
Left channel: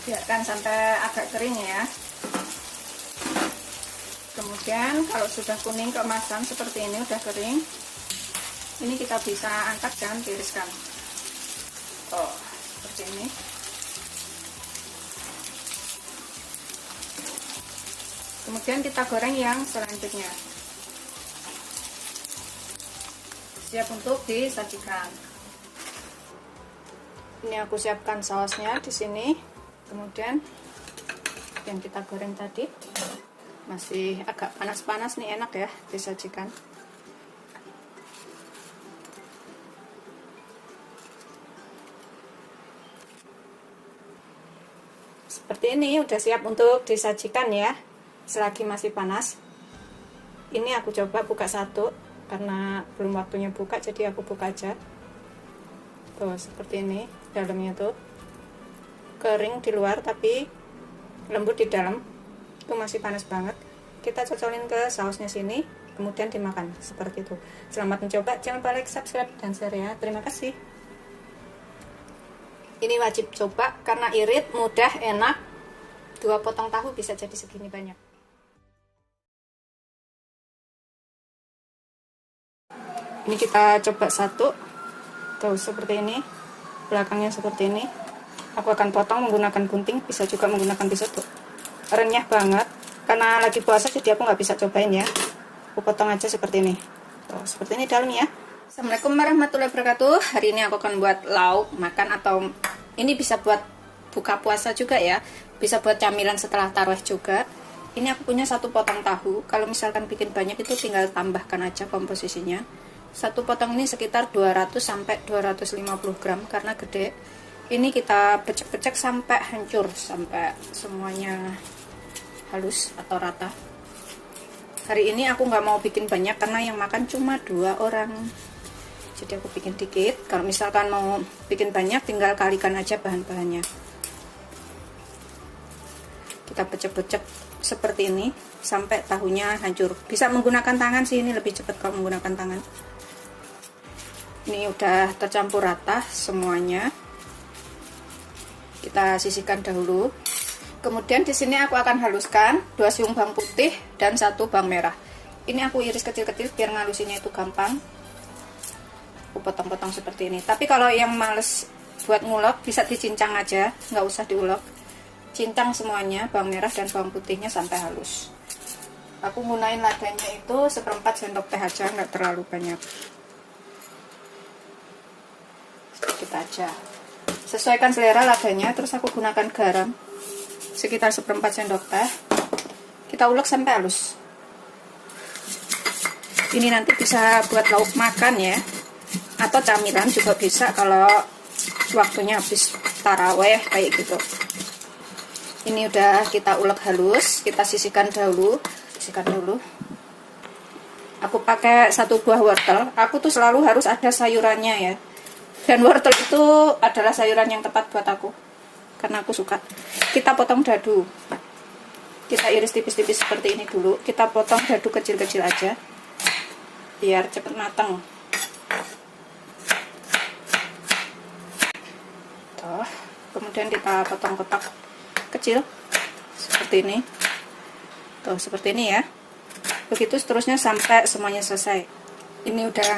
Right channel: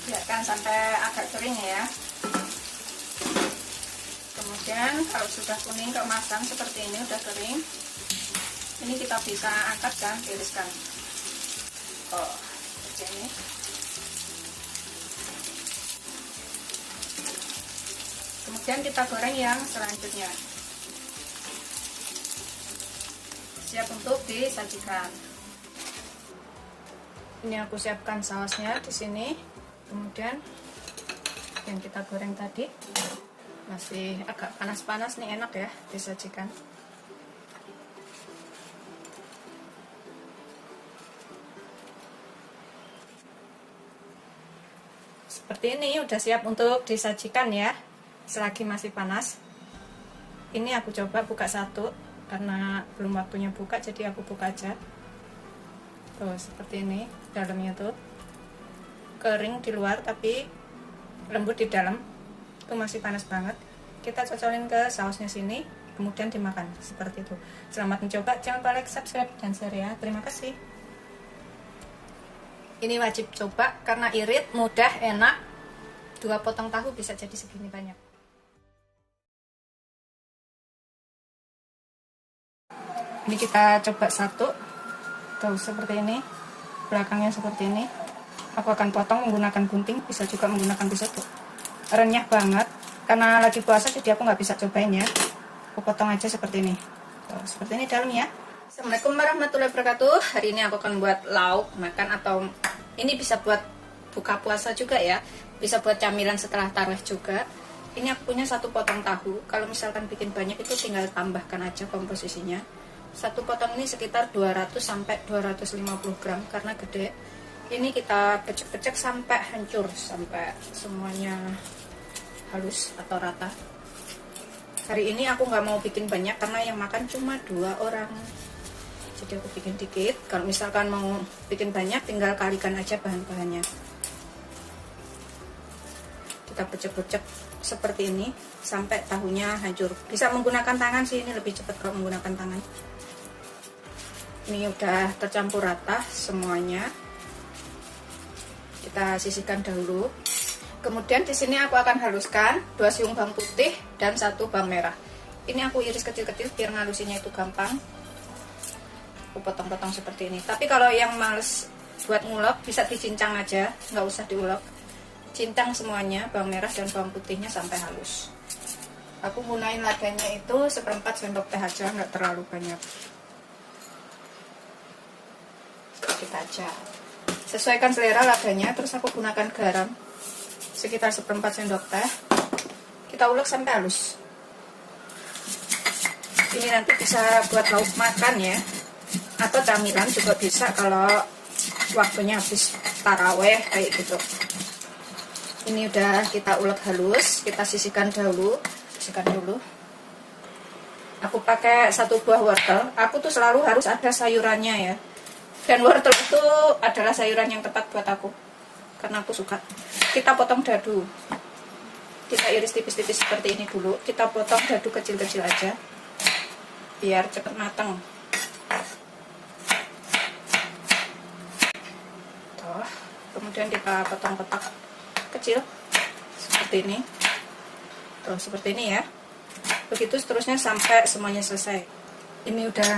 Biarkan sampai agak kering ya. Kemudian kalau sudah kuning keemasan seperti ini, udah kering, ini kita bisa angkat dan tiriskan. Oh, seperti ini. Kemudian kita goreng yang selanjutnya. Siap untuk disajikan. Ini aku siapkan sausnya di sini. Kemudian yang kita goreng tadi masih agak panas-panas nih, enak ya disajikan. Seperti ini udah siap untuk disajikan ya, selagi masih panas. Ini aku coba buka satu karena belum waktunya buka, jadi aku buka aja. Tuh seperti ini, dalamnya tuh kering di luar tapi lembut di dalam. Itu masih panas banget. Kita cocolin ke sausnya sini. kemudian dimakan seperti itu. Selamat mencoba, jangan lupa like, subscribe, dan share ya. Terima kasih. Ini wajib coba karena irit, mudah, enak. 2 potong tahu bisa jadi segini banyak. Ini kita coba satu. Tuh seperti ini. Belakangnya seperti ini. Aku akan potong menggunakan gunting, bisa juga menggunakan pisau. Tuh renyah banget. Karena lagi puasa jadi aku nggak bisa cobain ya. Aku potong aja seperti ini. Tuh, seperti ini dalamnya. Assalamualaikum warahmatullahi wabarakatuh. Hari ini aku akan buat lauk makan, atau ini bisa buat buka puasa juga ya. Bisa buat camilan setelah tarawih juga. Ini aku punya 1 potong tahu. Kalau misalkan bikin banyak itu tinggal tambahkan aja komposisinya. 1 potong ini sekitar 200 sampai 250 gram karena gede. Ini kita becek-becek sampai hancur, sampai semuanya halus atau rata. Hari ini aku nggak mau bikin banyak karena yang makan cuma 2 orang. Jadi aku bikin dikit. Kalau misalkan mau bikin banyak tinggal kalikan aja bahan-bahannya. Kita becek-becek seperti ini sampai tahunya hancur. Bisa menggunakan tangan sih, ini lebih cepat kalau menggunakan tangan. Ini udah tercampur rata semuanya. Kita sisihkan dahulu. Kemudian di sini aku akan haluskan 2 siung bawang putih dan 1 bawang merah. Ini aku iris kecil-kecil biar ngalusinnya itu gampang. Aku potong-potong seperti ini. Tapi kalau yang males buat ngulek bisa dicincang aja, nggak usah diulek. Cincang semuanya, bawang merah dan bawang putihnya sampai halus. Aku gunain ladanya itu 1/4 sendok teh aja, nggak terlalu banyak. Sedikit aja. Sesuaikan selera ladanya. Terus aku gunakan garam sekitar 1/4 sendok teh. Kita ulek sampai halus. Ini nanti bisa buat lauk makan ya, atau camilan juga bisa kalau waktunya habis taraweh kayak gitu. Ini udah kita ulek halus, kita sisihkan dahulu. Aku pakai 1 buah wortel. Aku tuh selalu harus ada sayurannya ya. Dan wortel itu adalah sayuran yang tepat buat aku, karena aku suka. Kita potong dadu. Kita iris tipis-tipis seperti ini dulu. Kita potong dadu kecil-kecil aja, biar cepet matang. Tuh. Kemudian kita potong kotak kecil seperti ini. Tuh, seperti ini ya. Begitu seterusnya sampai semuanya selesai. Ini udah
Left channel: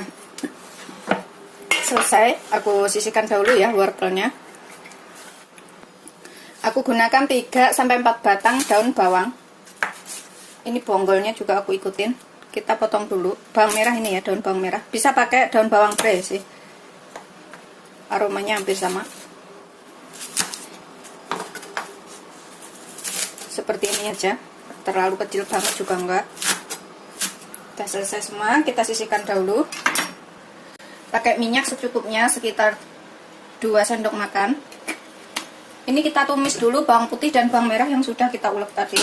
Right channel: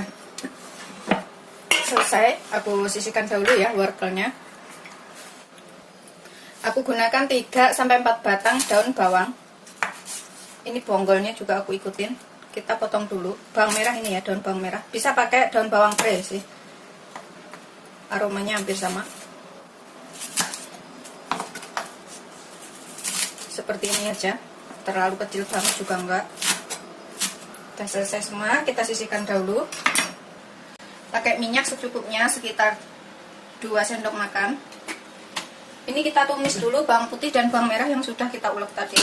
selesai. Aku sisihkan dahulu ya wortelnya. Aku gunakan 3 sampai 4 batang daun bawang. Ini bonggolnya juga aku ikutin. Kita potong dulu. Bawang merah ini ya, daun bawang merah. Bisa pakai daun bawang pre sih. Aromanya hampir sama. Seperti ini aja. Terlalu kecil banget juga enggak. Udah selesai semua, kita sisihkan dahulu. Pakai minyak secukupnya sekitar 2 sendok makan. Ini kita tumis dulu bawang putih dan bawang merah yang sudah kita ulek tadi.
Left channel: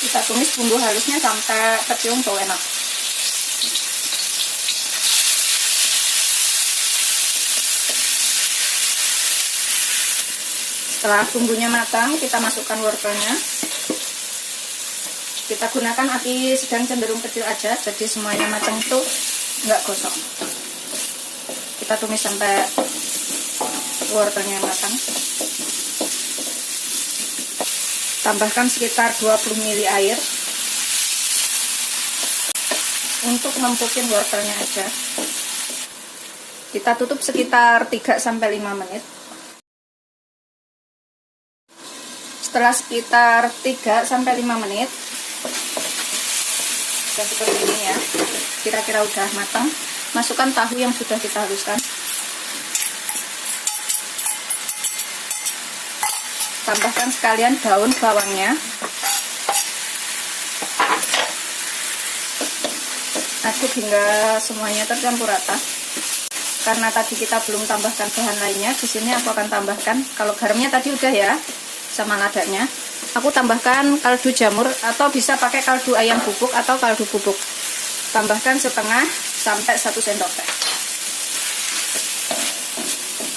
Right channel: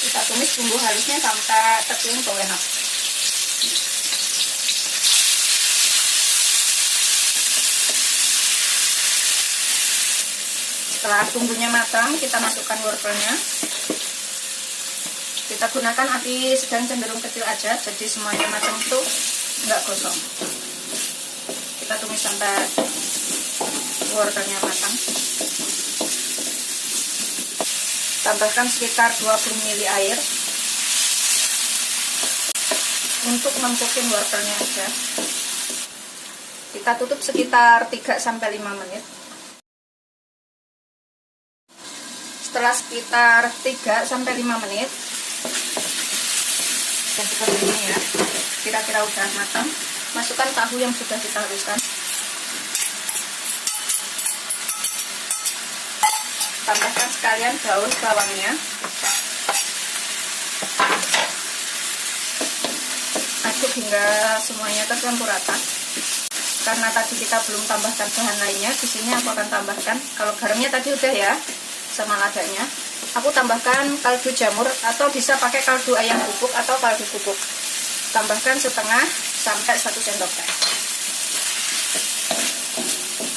Kita tumis bumbu halusnya sampai tercium bau enak. Setelah bumbunya matang, kita masukkan wortelnya. Kita gunakan api sedang cenderung kecil aja, jadi semuanya matang itu nggak gosong. Kita tumis sampai wortelnya matang. Tambahkan sekitar 20 ml air untuk mempukin wortelnya aja. Kita tutup sekitar 3 sampai 5 menit. Setelah sekitar 3 sampai 5 menit, sudah seperti ini ya, kira-kira udah matang. Masukkan tahu yang sudah kita haluskan. Tambahkan sekalian daun bawangnya. Aduk hingga semuanya tercampur rata. Karena tadi kita belum tambahkan bahan lainnya, di sini aku akan tambahkan, kalau garamnya tadi udah ya, sama ladanya. Aku tambahkan kaldu jamur atau bisa pakai kaldu ayam bubuk atau kaldu bubuk. Tambahkan setengah sampai 1 sendok teh.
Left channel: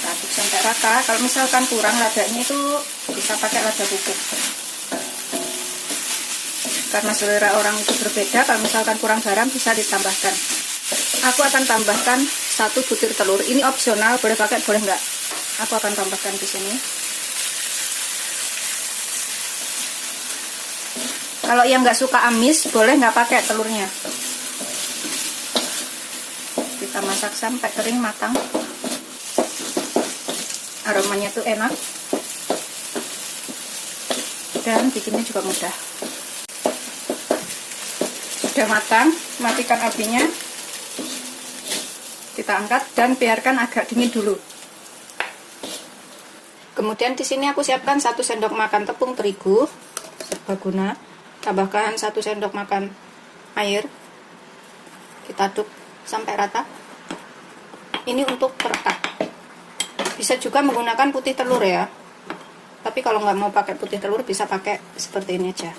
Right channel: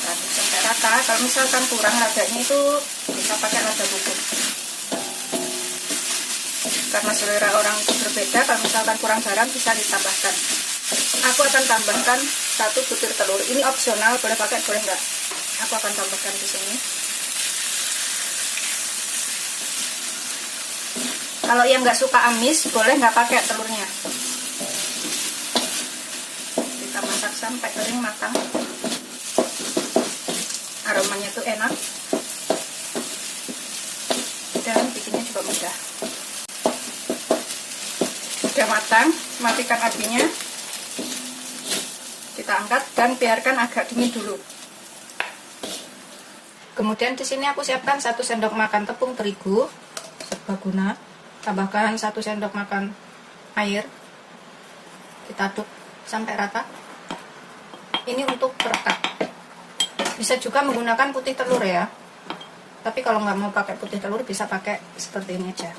Aduk sampai rata. rata. Kalau misalkan kurang ladanya itu bisa pakai lada bubuk. Karena selera orang itu berbeda, kalau misalkan kurang garam bisa ditambahkan. Aku akan tambahkan 1 butir telur. Ini opsional, boleh pakai boleh enggak. Aku akan tambahkan di sini. Kalau yang nggak suka amis, boleh nggak pakai telurnya. Kita masak sampai kering matang. Aromanya tuh enak dan bikinnya juga mudah. Sudah matang, matikan apinya. Kita angkat dan biarkan agak dingin dulu. Kemudian di sini aku siapkan 1 sendok makan tepung terigu serbaguna. Tambahkan 1 sendok makan air. Kita aduk sampai rata. Ini untuk perekat. Bisa juga menggunakan putih telur ya. Tapi kalau nggak mau pakai putih telur bisa pakai seperti ini aja.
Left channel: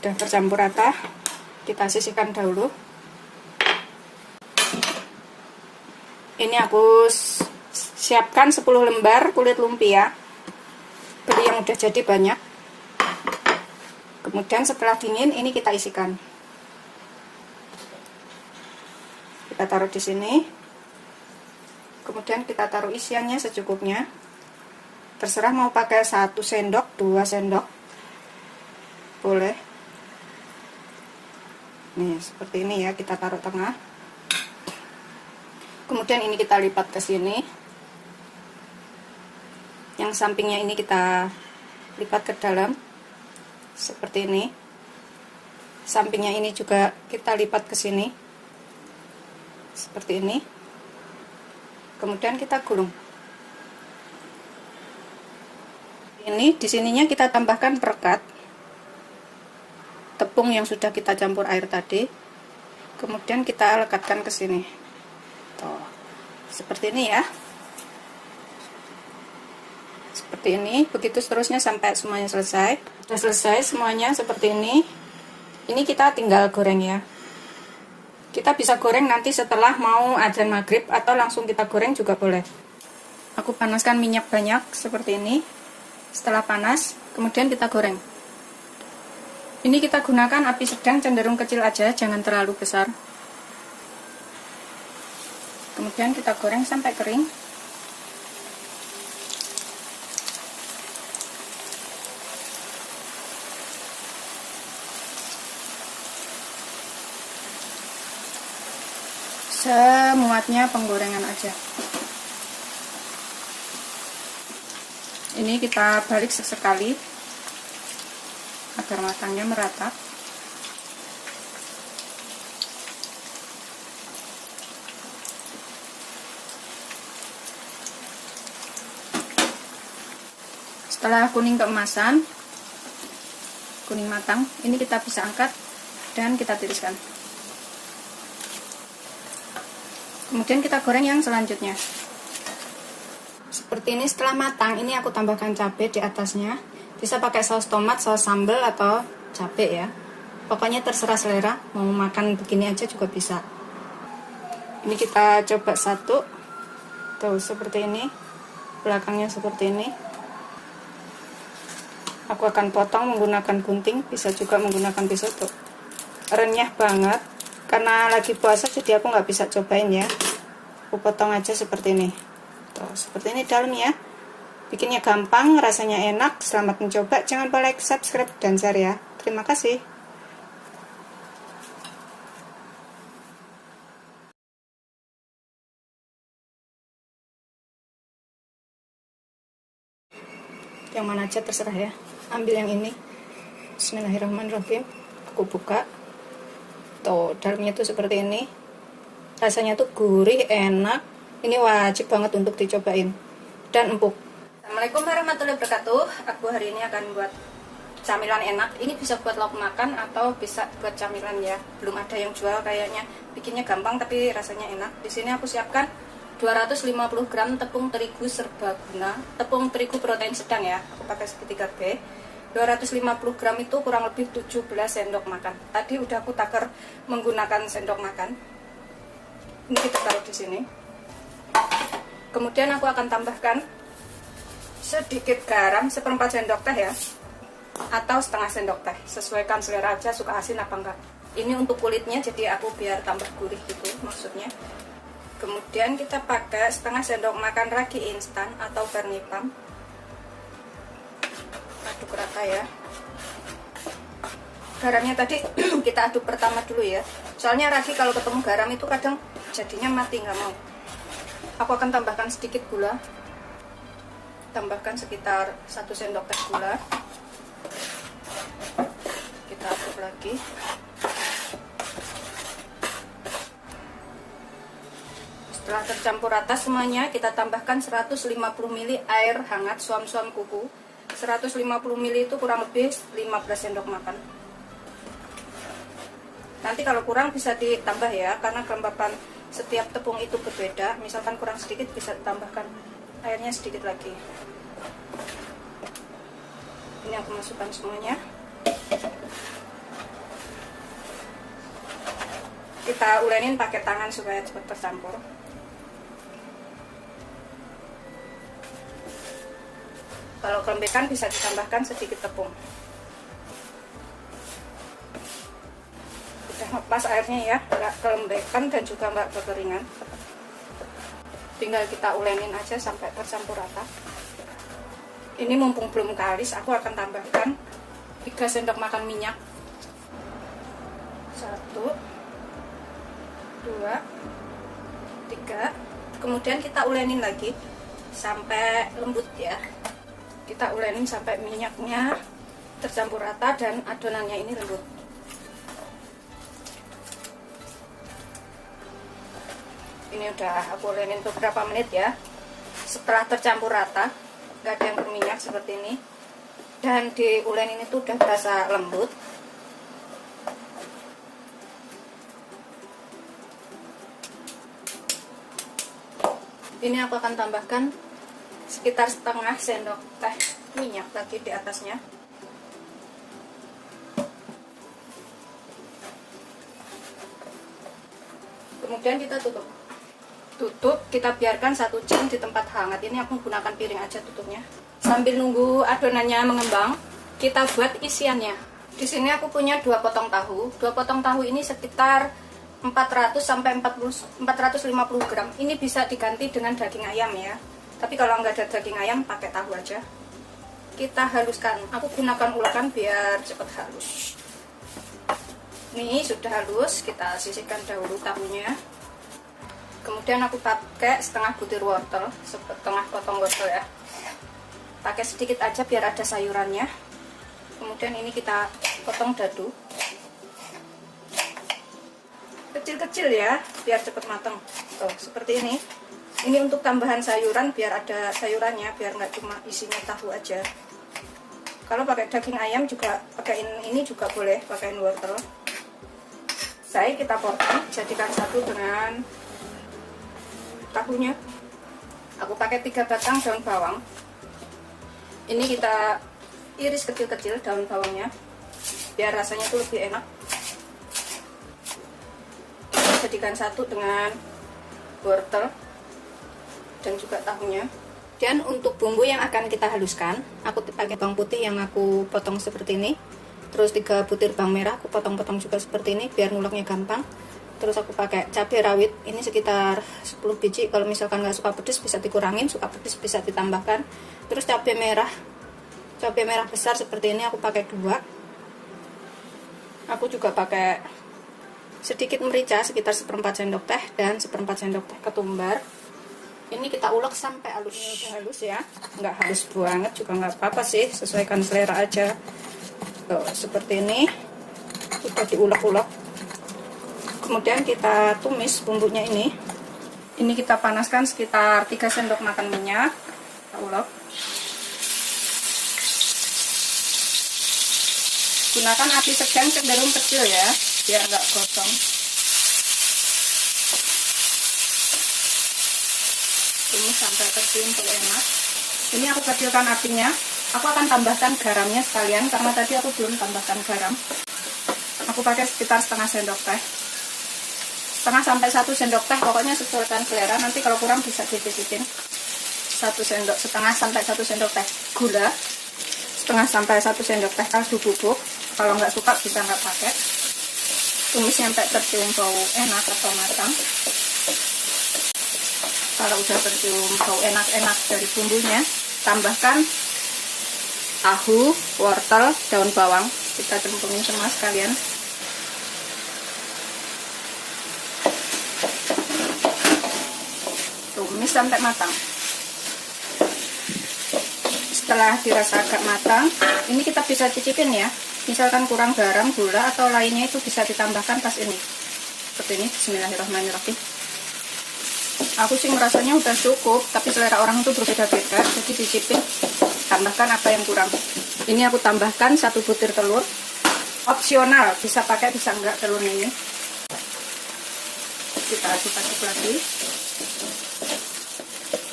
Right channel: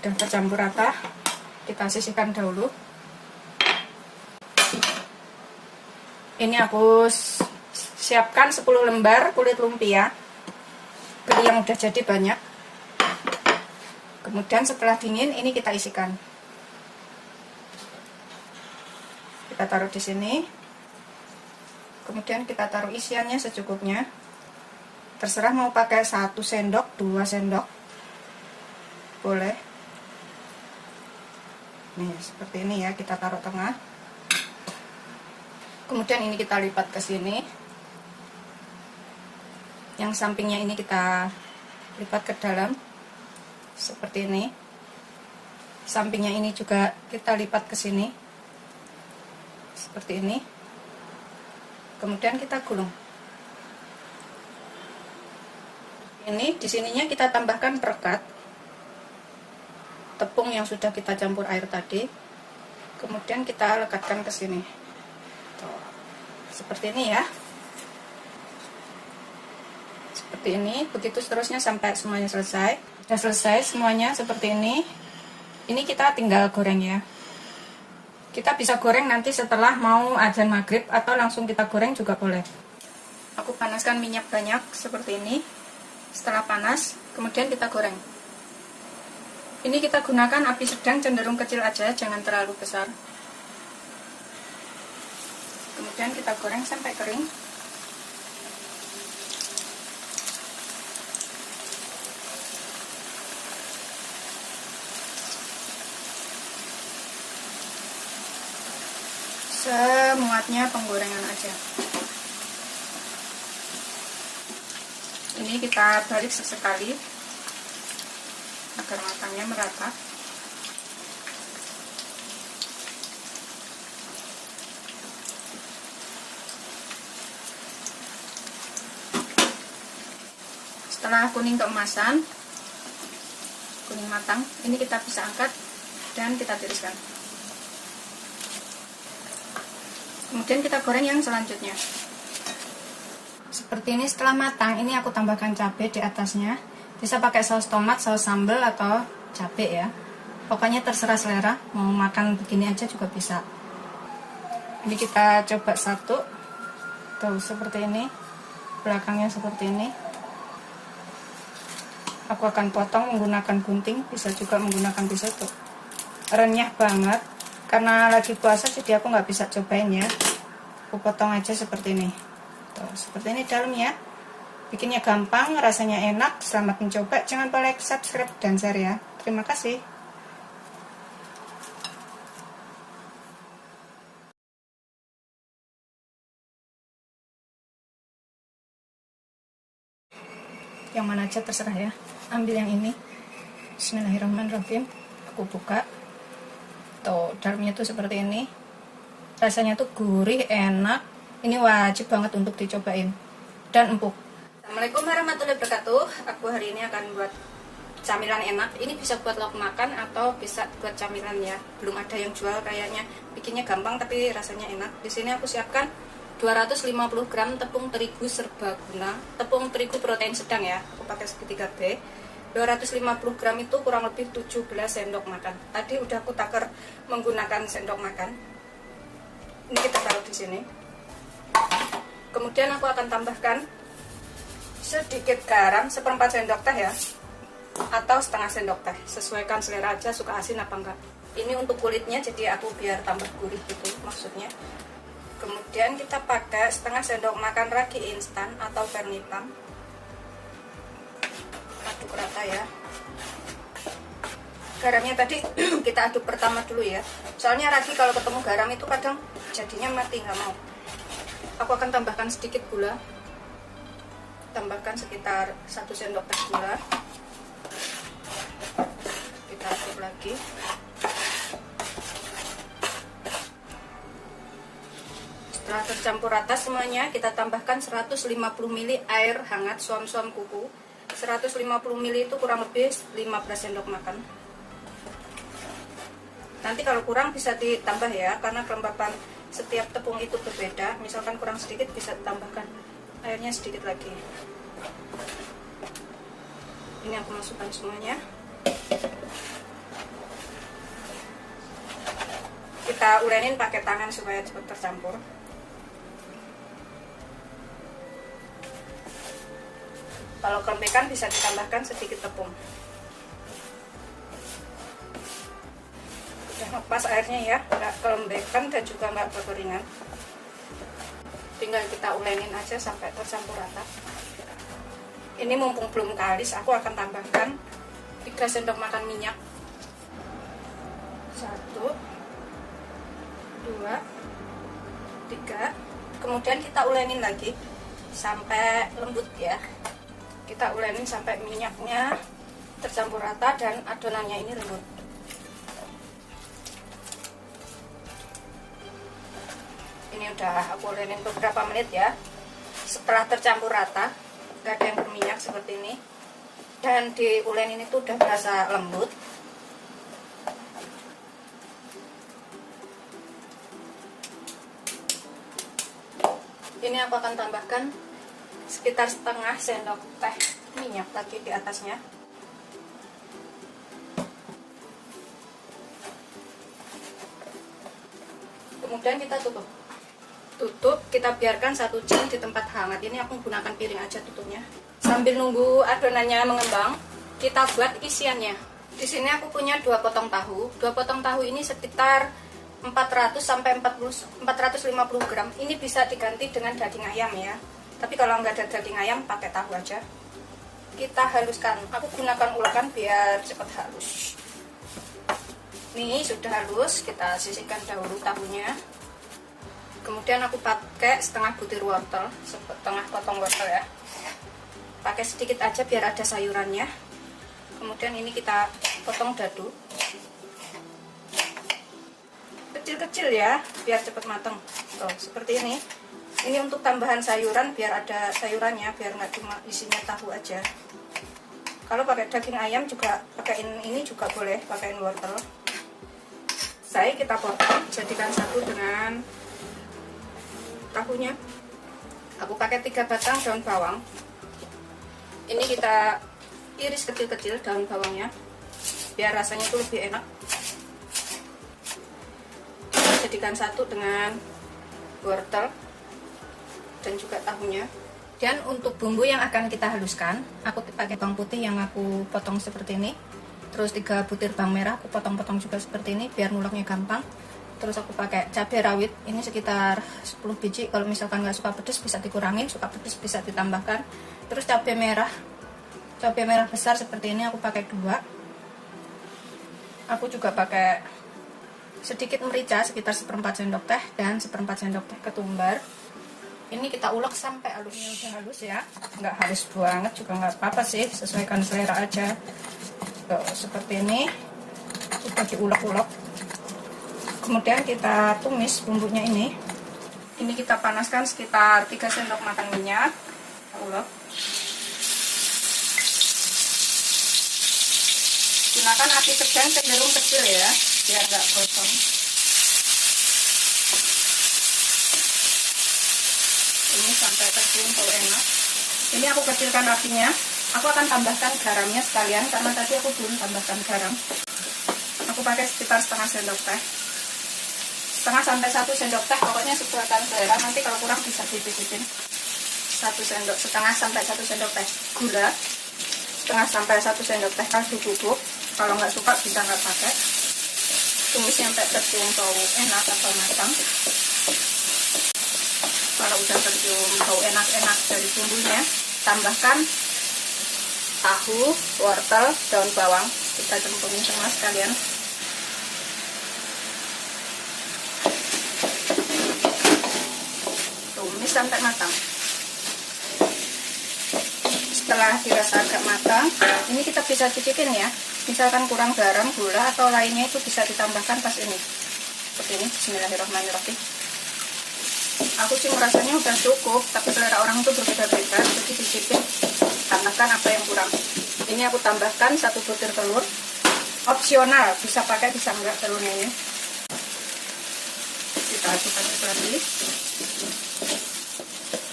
Udah tercampur rata, kita sisihkan dahulu. Ini aku siapkan 10 lembar kulit lumpia. Beli yang udah jadi banyak. Kemudian setelah dingin ini kita isikan. Kita taruh di sini. Kemudian kita taruh isiannya secukupnya. Terserah mau pakai 1 sendok, 2 sendok. Boleh. Nih, seperti ini ya, kita taruh tengah. Kemudian ini kita lipat ke sini. Yang sampingnya ini kita lipat ke dalam. Seperti ini. Sampingnya ini juga kita lipat ke sini. Seperti ini. Kemudian kita gulung. Ini di sininya kita tambahkan perekat. Tepung yang sudah kita campur air tadi. Kemudian kita lekatkan ke sini. Tuh. Seperti ini ya. Seperti ini, begitu seterusnya sampai semuanya selesai. Sudah selesai semuanya seperti ini. Ini kita tinggal goreng ya. Kita bisa goreng nanti setelah mau adzan maghrib atau langsung kita goreng juga boleh. Aku panaskan minyak banyak seperti ini. Setelah panas, kemudian kita goreng. Ini kita gunakan api sedang, cenderung kecil aja, jangan terlalu besar. Kemudian kita goreng sampai kering. Semuatnya penggorengan aja. Ini kita balik sesekali agar matangnya merata. Setelah kuning keemasan, kuning matang, ini kita bisa angkat dan kita tiriskan. Kemudian kita goreng yang selanjutnya. Seperti ini setelah matang, ini aku tambahkan cabai di atasnya. Bisa pakai saus tomat, saus sambal atau cabai ya. Pokoknya terserah selera, mau makan begini aja juga bisa. Ini kita coba satu. Tuh, seperti ini. Belakangnya seperti ini. Aku akan potong menggunakan gunting, bisa juga menggunakan pisau tuh. Renyah banget. Karena lagi puasa jadi aku nggak bisa cobain ya. Aku potong aja seperti ini. Tuh, seperti ini dalamnya. Bikinnya gampang, rasanya enak. Selamat mencoba. Jangan lupa like, subscribe, dan share ya. Terima kasih. Yang mana aja terserah ya. Ambil yang ini. Bismillahirrahmanirrahim. Aku buka. Tuh, dalamnya tuh seperti ini. Rasanya tuh gurih, enak. Ini wajib banget untuk dicobain. Dan empuk. Assalamualaikum warahmatullahi wabarakatuh. Aku hari ini akan buat camilan enak. Ini bisa buat lauk makan atau bisa buat camilan ya. Belum ada yang jual kayaknya. Bikinnya gampang tapi rasanya enak. Di sini aku siapkan 250 gram tepung terigu serbaguna. Tepung terigu protein sedang ya. Aku pakai segitiga B. 250 gram itu kurang lebih 17 sendok makan. Tadi udah aku takar menggunakan sendok makan. Ini kita taruh di sini. Kemudian aku akan tambahkan sedikit garam, 1/4 sendok teh ya, atau setengah sendok teh, sesuaikan selera aja suka asin apa enggak. Ini untuk kulitnya, jadi aku biar tambah gurih gitu maksudnya. Kemudian kita pakai setengah sendok makan ragi instan atau Vernipam. Aduk rata ya. Garamnya tadi kita aduk pertama dulu ya, soalnya ragi kalau ketemu garam itu kadang jadinya mati, nggak mau. Aku akan tambahkan sedikit gula, tambahkan sekitar 1 sendok teh gula. Kita aduk lagi. Setelah tercampur rata semuanya, kita tambahkan 150 ml air hangat suam-suam kuku. 150 ml itu kurang lebih 15 sendok makan. Nanti kalau kurang bisa ditambah ya, karena kelembapan setiap tepung itu berbeda. Misalkan kurang sedikit bisa ditambahkan airnya sedikit lagi. Ini aku masukkan semuanya. Kita ulenin pakai tangan supaya cepat tercampur. Kalau kelembekan bisa ditambahkan sedikit tepung. Lepas airnya ya, nggak kelembekan dan juga nggak berkeringan. Tinggal kita ulenin aja sampai tercampur rata. Ini mumpung belum kalis, aku akan tambahkan 3 sendok makan minyak. 1, 2, 3. Kemudian kita ulenin lagi sampai lembut ya. Kita ulenin sampai minyaknya tercampur rata dan adonannya ini lembut. Ini udah aku ulenin untuk berapa menit ya. Setelah tercampur rata, gak ada yang berminyak seperti ini, dan di ulenin itu udah berasa lembut. Ini aku akan tambahkan sekitar setengah sendok teh minyak lagi di atasnya. Kemudian kita tutup, kita biarkan 1 jam di tempat hangat. Ini aku menggunakan piring aja tutupnya. Sambil nunggu adonannya mengembang, kita buat isiannya. Di sini aku punya 2 potong tahu. 2 potong tahu ini sekitar 400 sampai 450 gram. Ini bisa diganti dengan daging ayam ya. Tapi kalau nggak ada daging ayam, pakai tahu aja. Kita haluskan. Aku gunakan ulakan biar cepat halus. Ini sudah halus, kita sisihkan dahulu tahunya. Kemudian aku pakai setengah butir wortel, setengah potong wortel ya. Pakai sedikit aja biar ada sayurannya. Kemudian ini kita potong dadu. Kecil-kecil ya, biar cepat matang. Tuh, seperti ini. Ini untuk tambahan sayuran, biar ada sayurannya, biar nggak cuma isinya tahu aja. Kalau pakai daging ayam juga pakaiin ini juga boleh, pakaiin wortel. Saya kita potong, jadikan satu dengan tahunya. Aku pakai 3 batang daun bawang. Ini kita iris kecil-kecil daun bawangnya, biar rasanya itu lebih enak. Jadikan satu dengan wortel dan juga tahunya. Dan untuk bumbu yang akan kita haluskan, aku pakai bawang putih yang aku potong seperti ini. Terus 3 butir bawang merah aku potong-potong juga seperti ini biar nguleknya gampang. Terus aku pakai cabai rawit, ini sekitar 10 biji. Kalau misalkan nggak suka pedas bisa dikurangin, suka pedas bisa ditambahkan. Terus cabai merah besar seperti ini aku pakai 2. Aku juga pakai sedikit merica sekitar 1/4 sendok teh dan 1/4 sendok teh ketumbar. Ini kita ulek sampai halus. Ini udah halus ya, nggak halus banget juga nggak apa-apa sih, sesuaikan selera aja. Tuh, seperti ini sudah diulek-ulek. Kemudian kita tumis bumbunya ini. Ini kita panaskan sekitar 3 sendok makan minyak. Kita ulek. Gunakan api sedang cenderung kecil ya, biar nggak gosong. Ini sampai terkumpul enak. Ini aku kecilkan apinya. Aku akan tambahkan garamnya sekalian karena tadi aku belum tambahkan garam. Aku pakai sekitar setengah sendok teh. Setengah sampai 1 sendok teh, pokoknya sesuaikan selera, nanti kalau kurang bisa dicicipin. 1 sendok setengah sampai 1 sendok teh gula, setengah sampai 1 sendok teh kaldu bubuk. Kalau nggak suka bisa nggak pakai. Tumis sampai tercium bau enak atau matang. Kalau udah tercium bau enak-enak dari bumbunya, tambahkan tahu, wortel, daun bawang. Kita cemplungin semua sekalian. Tumis sampai matang. Setelah dirasa agak matang, ini kita bisa cicipin ya. Misalkan kurang garam, gula, atau lainnya itu bisa ditambahkan pas ini. Seperti ini, bismillahirrahmanirrahim. Aku sih merasanya udah cukup, tapi selera orang itu berbeda-beda, jadi cicipin, tambahkan apa yang kurang. Ini aku tambahkan 1 butir telur, opsional, bisa pakai bisa enggak telurnya ini. Kita aduk lagi.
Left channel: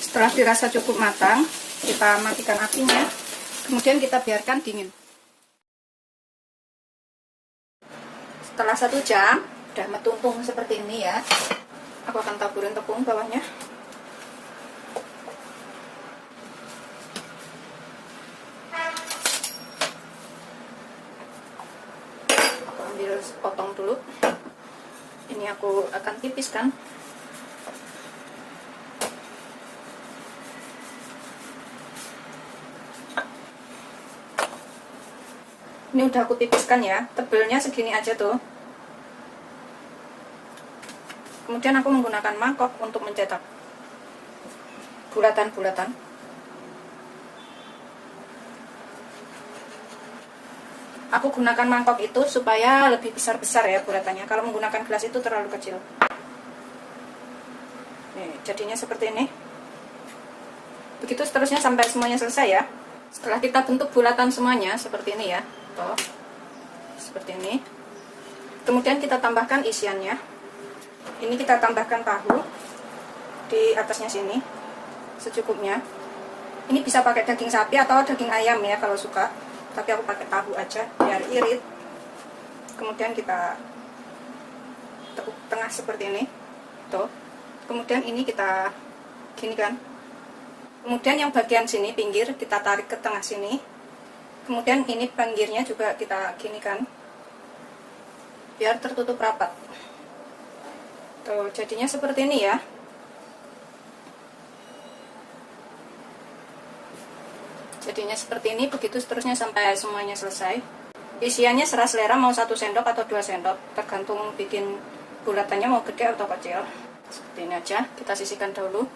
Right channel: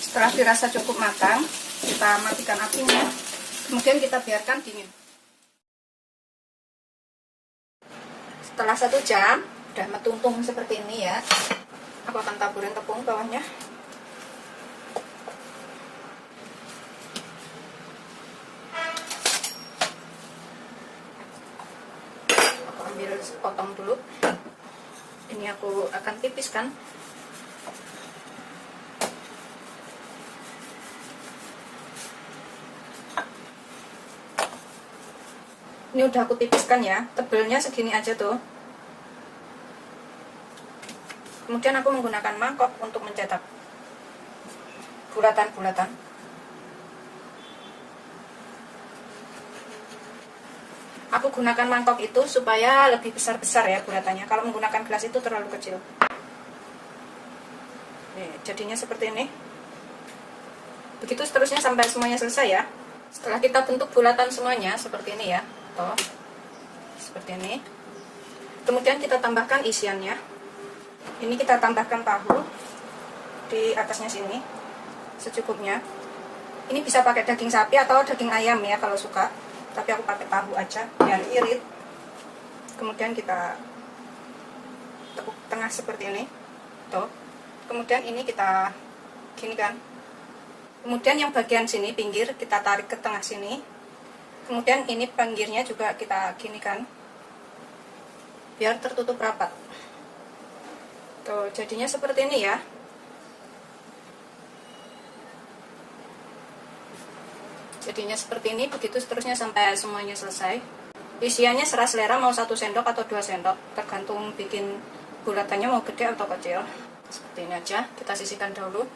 Setelah dirasa cukup matang, kita matikan apinya, kemudian kita biarkan dingin. Setelah 1 jam, udah metumpung seperti ini ya. Aku akan taburin tepung bawahnya. Aku ambil potong dulu. Ini aku akan tipiskan. Ini udah aku tipiskan ya, tebelnya segini aja tuh. Kemudian aku menggunakan mangkok untuk mencetak bulatan-bulatan. Aku gunakan mangkok itu supaya lebih besar-besar ya bulatannya. Kalau menggunakan gelas itu terlalu kecil. Nih, jadinya seperti ini. Begitu seterusnya sampai semuanya selesai ya. Setelah kita bentuk bulatan semuanya seperti ini ya. Tuh. Seperti ini. Kemudian kita tambahkan isiannya. Ini kita tambahkan tahu di atasnya sini secukupnya. Ini bisa pakai daging sapi atau daging ayam ya kalau suka, tapi aku pakai tahu aja biar irit. Kemudian kita tekuk tengah seperti ini tuh. Kemudian ini kita gini kan. Kemudian yang bagian sini pinggir kita tarik ke tengah sini. Kemudian ini pinggirnya juga kita gini kan biar tertutup rapat. Tuh, jadinya seperti ini ya. Jadinya seperti ini, begitu seterusnya sampai semuanya selesai. Isiannya serah selera, mau 1 sendok atau 2 sendok, tergantung bikin bulatannya mau gede atau kecil. Seperti ini aja, kita sisihkan dahulu.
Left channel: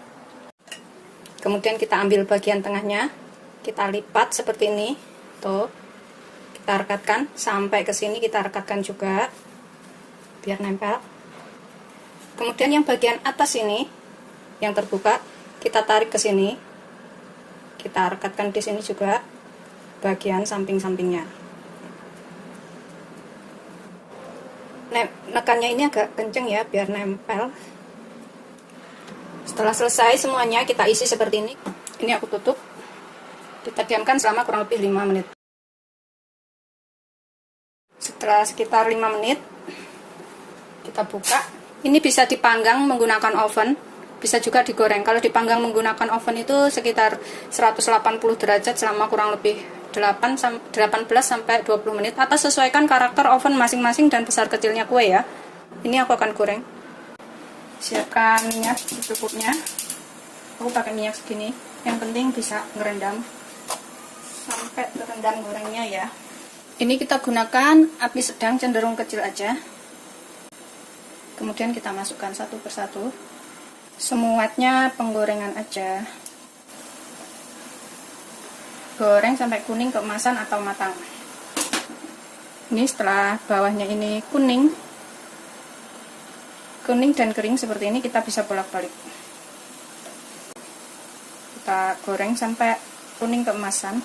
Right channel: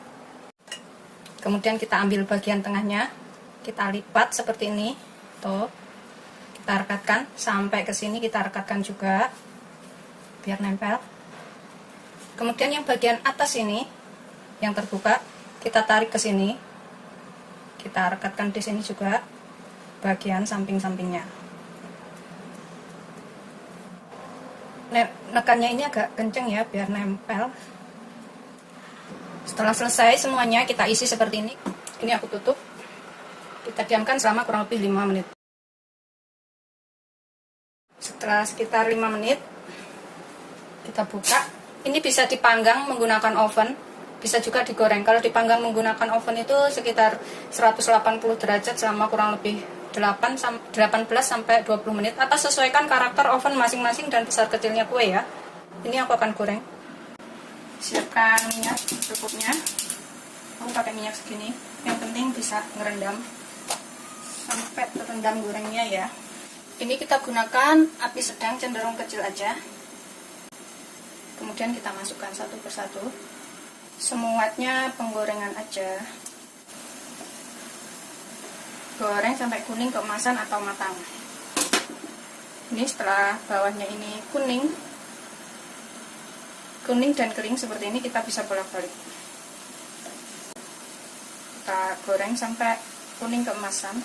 Kemudian kita ambil bagian tengahnya, kita lipat seperti ini. Tuh, kita rekatkan sampai ke sini, kita rekatkan juga biar nempel. Kemudian yang bagian atas ini yang terbuka kita tarik ke sini, kita rekatkan di sini juga bagian samping-sampingnya. Nekannya ini agak kenceng ya biar nempel. Setelah selesai semuanya kita isi seperti ini. Ini aku tutup. Kita diamkan selama kurang lebih 5 menit. Setelah sekitar 5 menit kita buka. Ini bisa dipanggang menggunakan oven, bisa juga digoreng. Kalau dipanggang menggunakan oven itu sekitar 180 derajat selama kurang lebih 18 sampai 20 menit. Atas sesuaikan karakter oven masing-masing dan besar kecilnya kue ya. Ini aku akan goreng. Siapkan minyak secukupnya. Aku pakai minyak segini. Yang penting bisa ngerendam sampai terendam gorengnya ya. Ini kita gunakan api sedang cenderung kecil aja. Kemudian kita masukkan satu persatu. Semuanya penggorengan aja. Goreng sampai kuning keemasan atau matang. Ini setelah bawahnya ini kuning dan kering seperti ini, kita bisa bolak-balik. Kita goreng sampai kuning keemasan.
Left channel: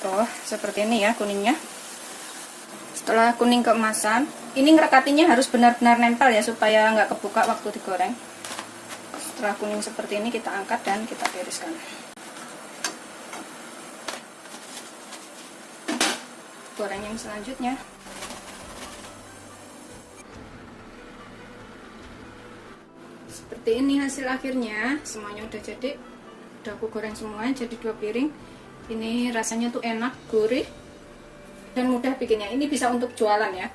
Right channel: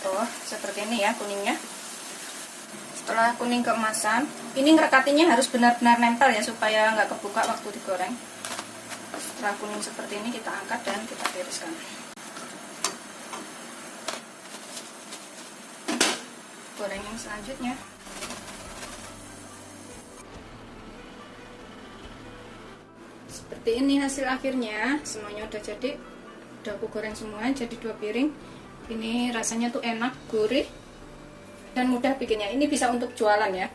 Tuh, seperti ini ya kuningnya. Setelah kuning keemasan, ini ngerekatinya harus benar-benar nempel ya supaya nggak kebuka waktu digoreng. Setelah kuning seperti ini kita angkat dan kita tiriskan. Goreng yang selanjutnya. Seperti seperti ini hasil akhirnya. Semuanya udah jadi, udah aku goreng semua jadi 2 piring. Ini rasanya tuh enak, gurih, dan mudah bikinnya. Ini bisa untuk jualan ya.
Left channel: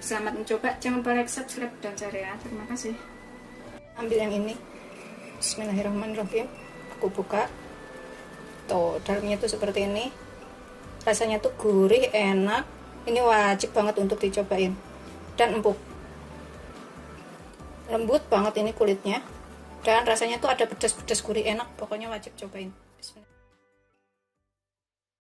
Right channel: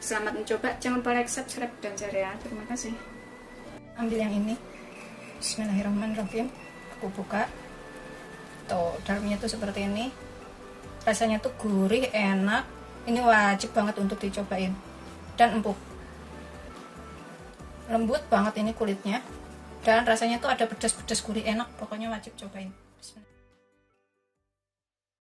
Selamat mencoba, jangan lupa like, subscribe, dan share ya. Terima kasih. Ambil yang ini. Bismillahirrahmanirrahim. Aku buka. Tuh, dalamnya tuh seperti ini. Rasanya tuh gurih, enak. Ini wajib banget untuk dicobain. Dan empuk. Lembut banget ini kulitnya. Dan rasanya tuh ada pedas-pedas gurih, enak. Pokoknya wajib cobain.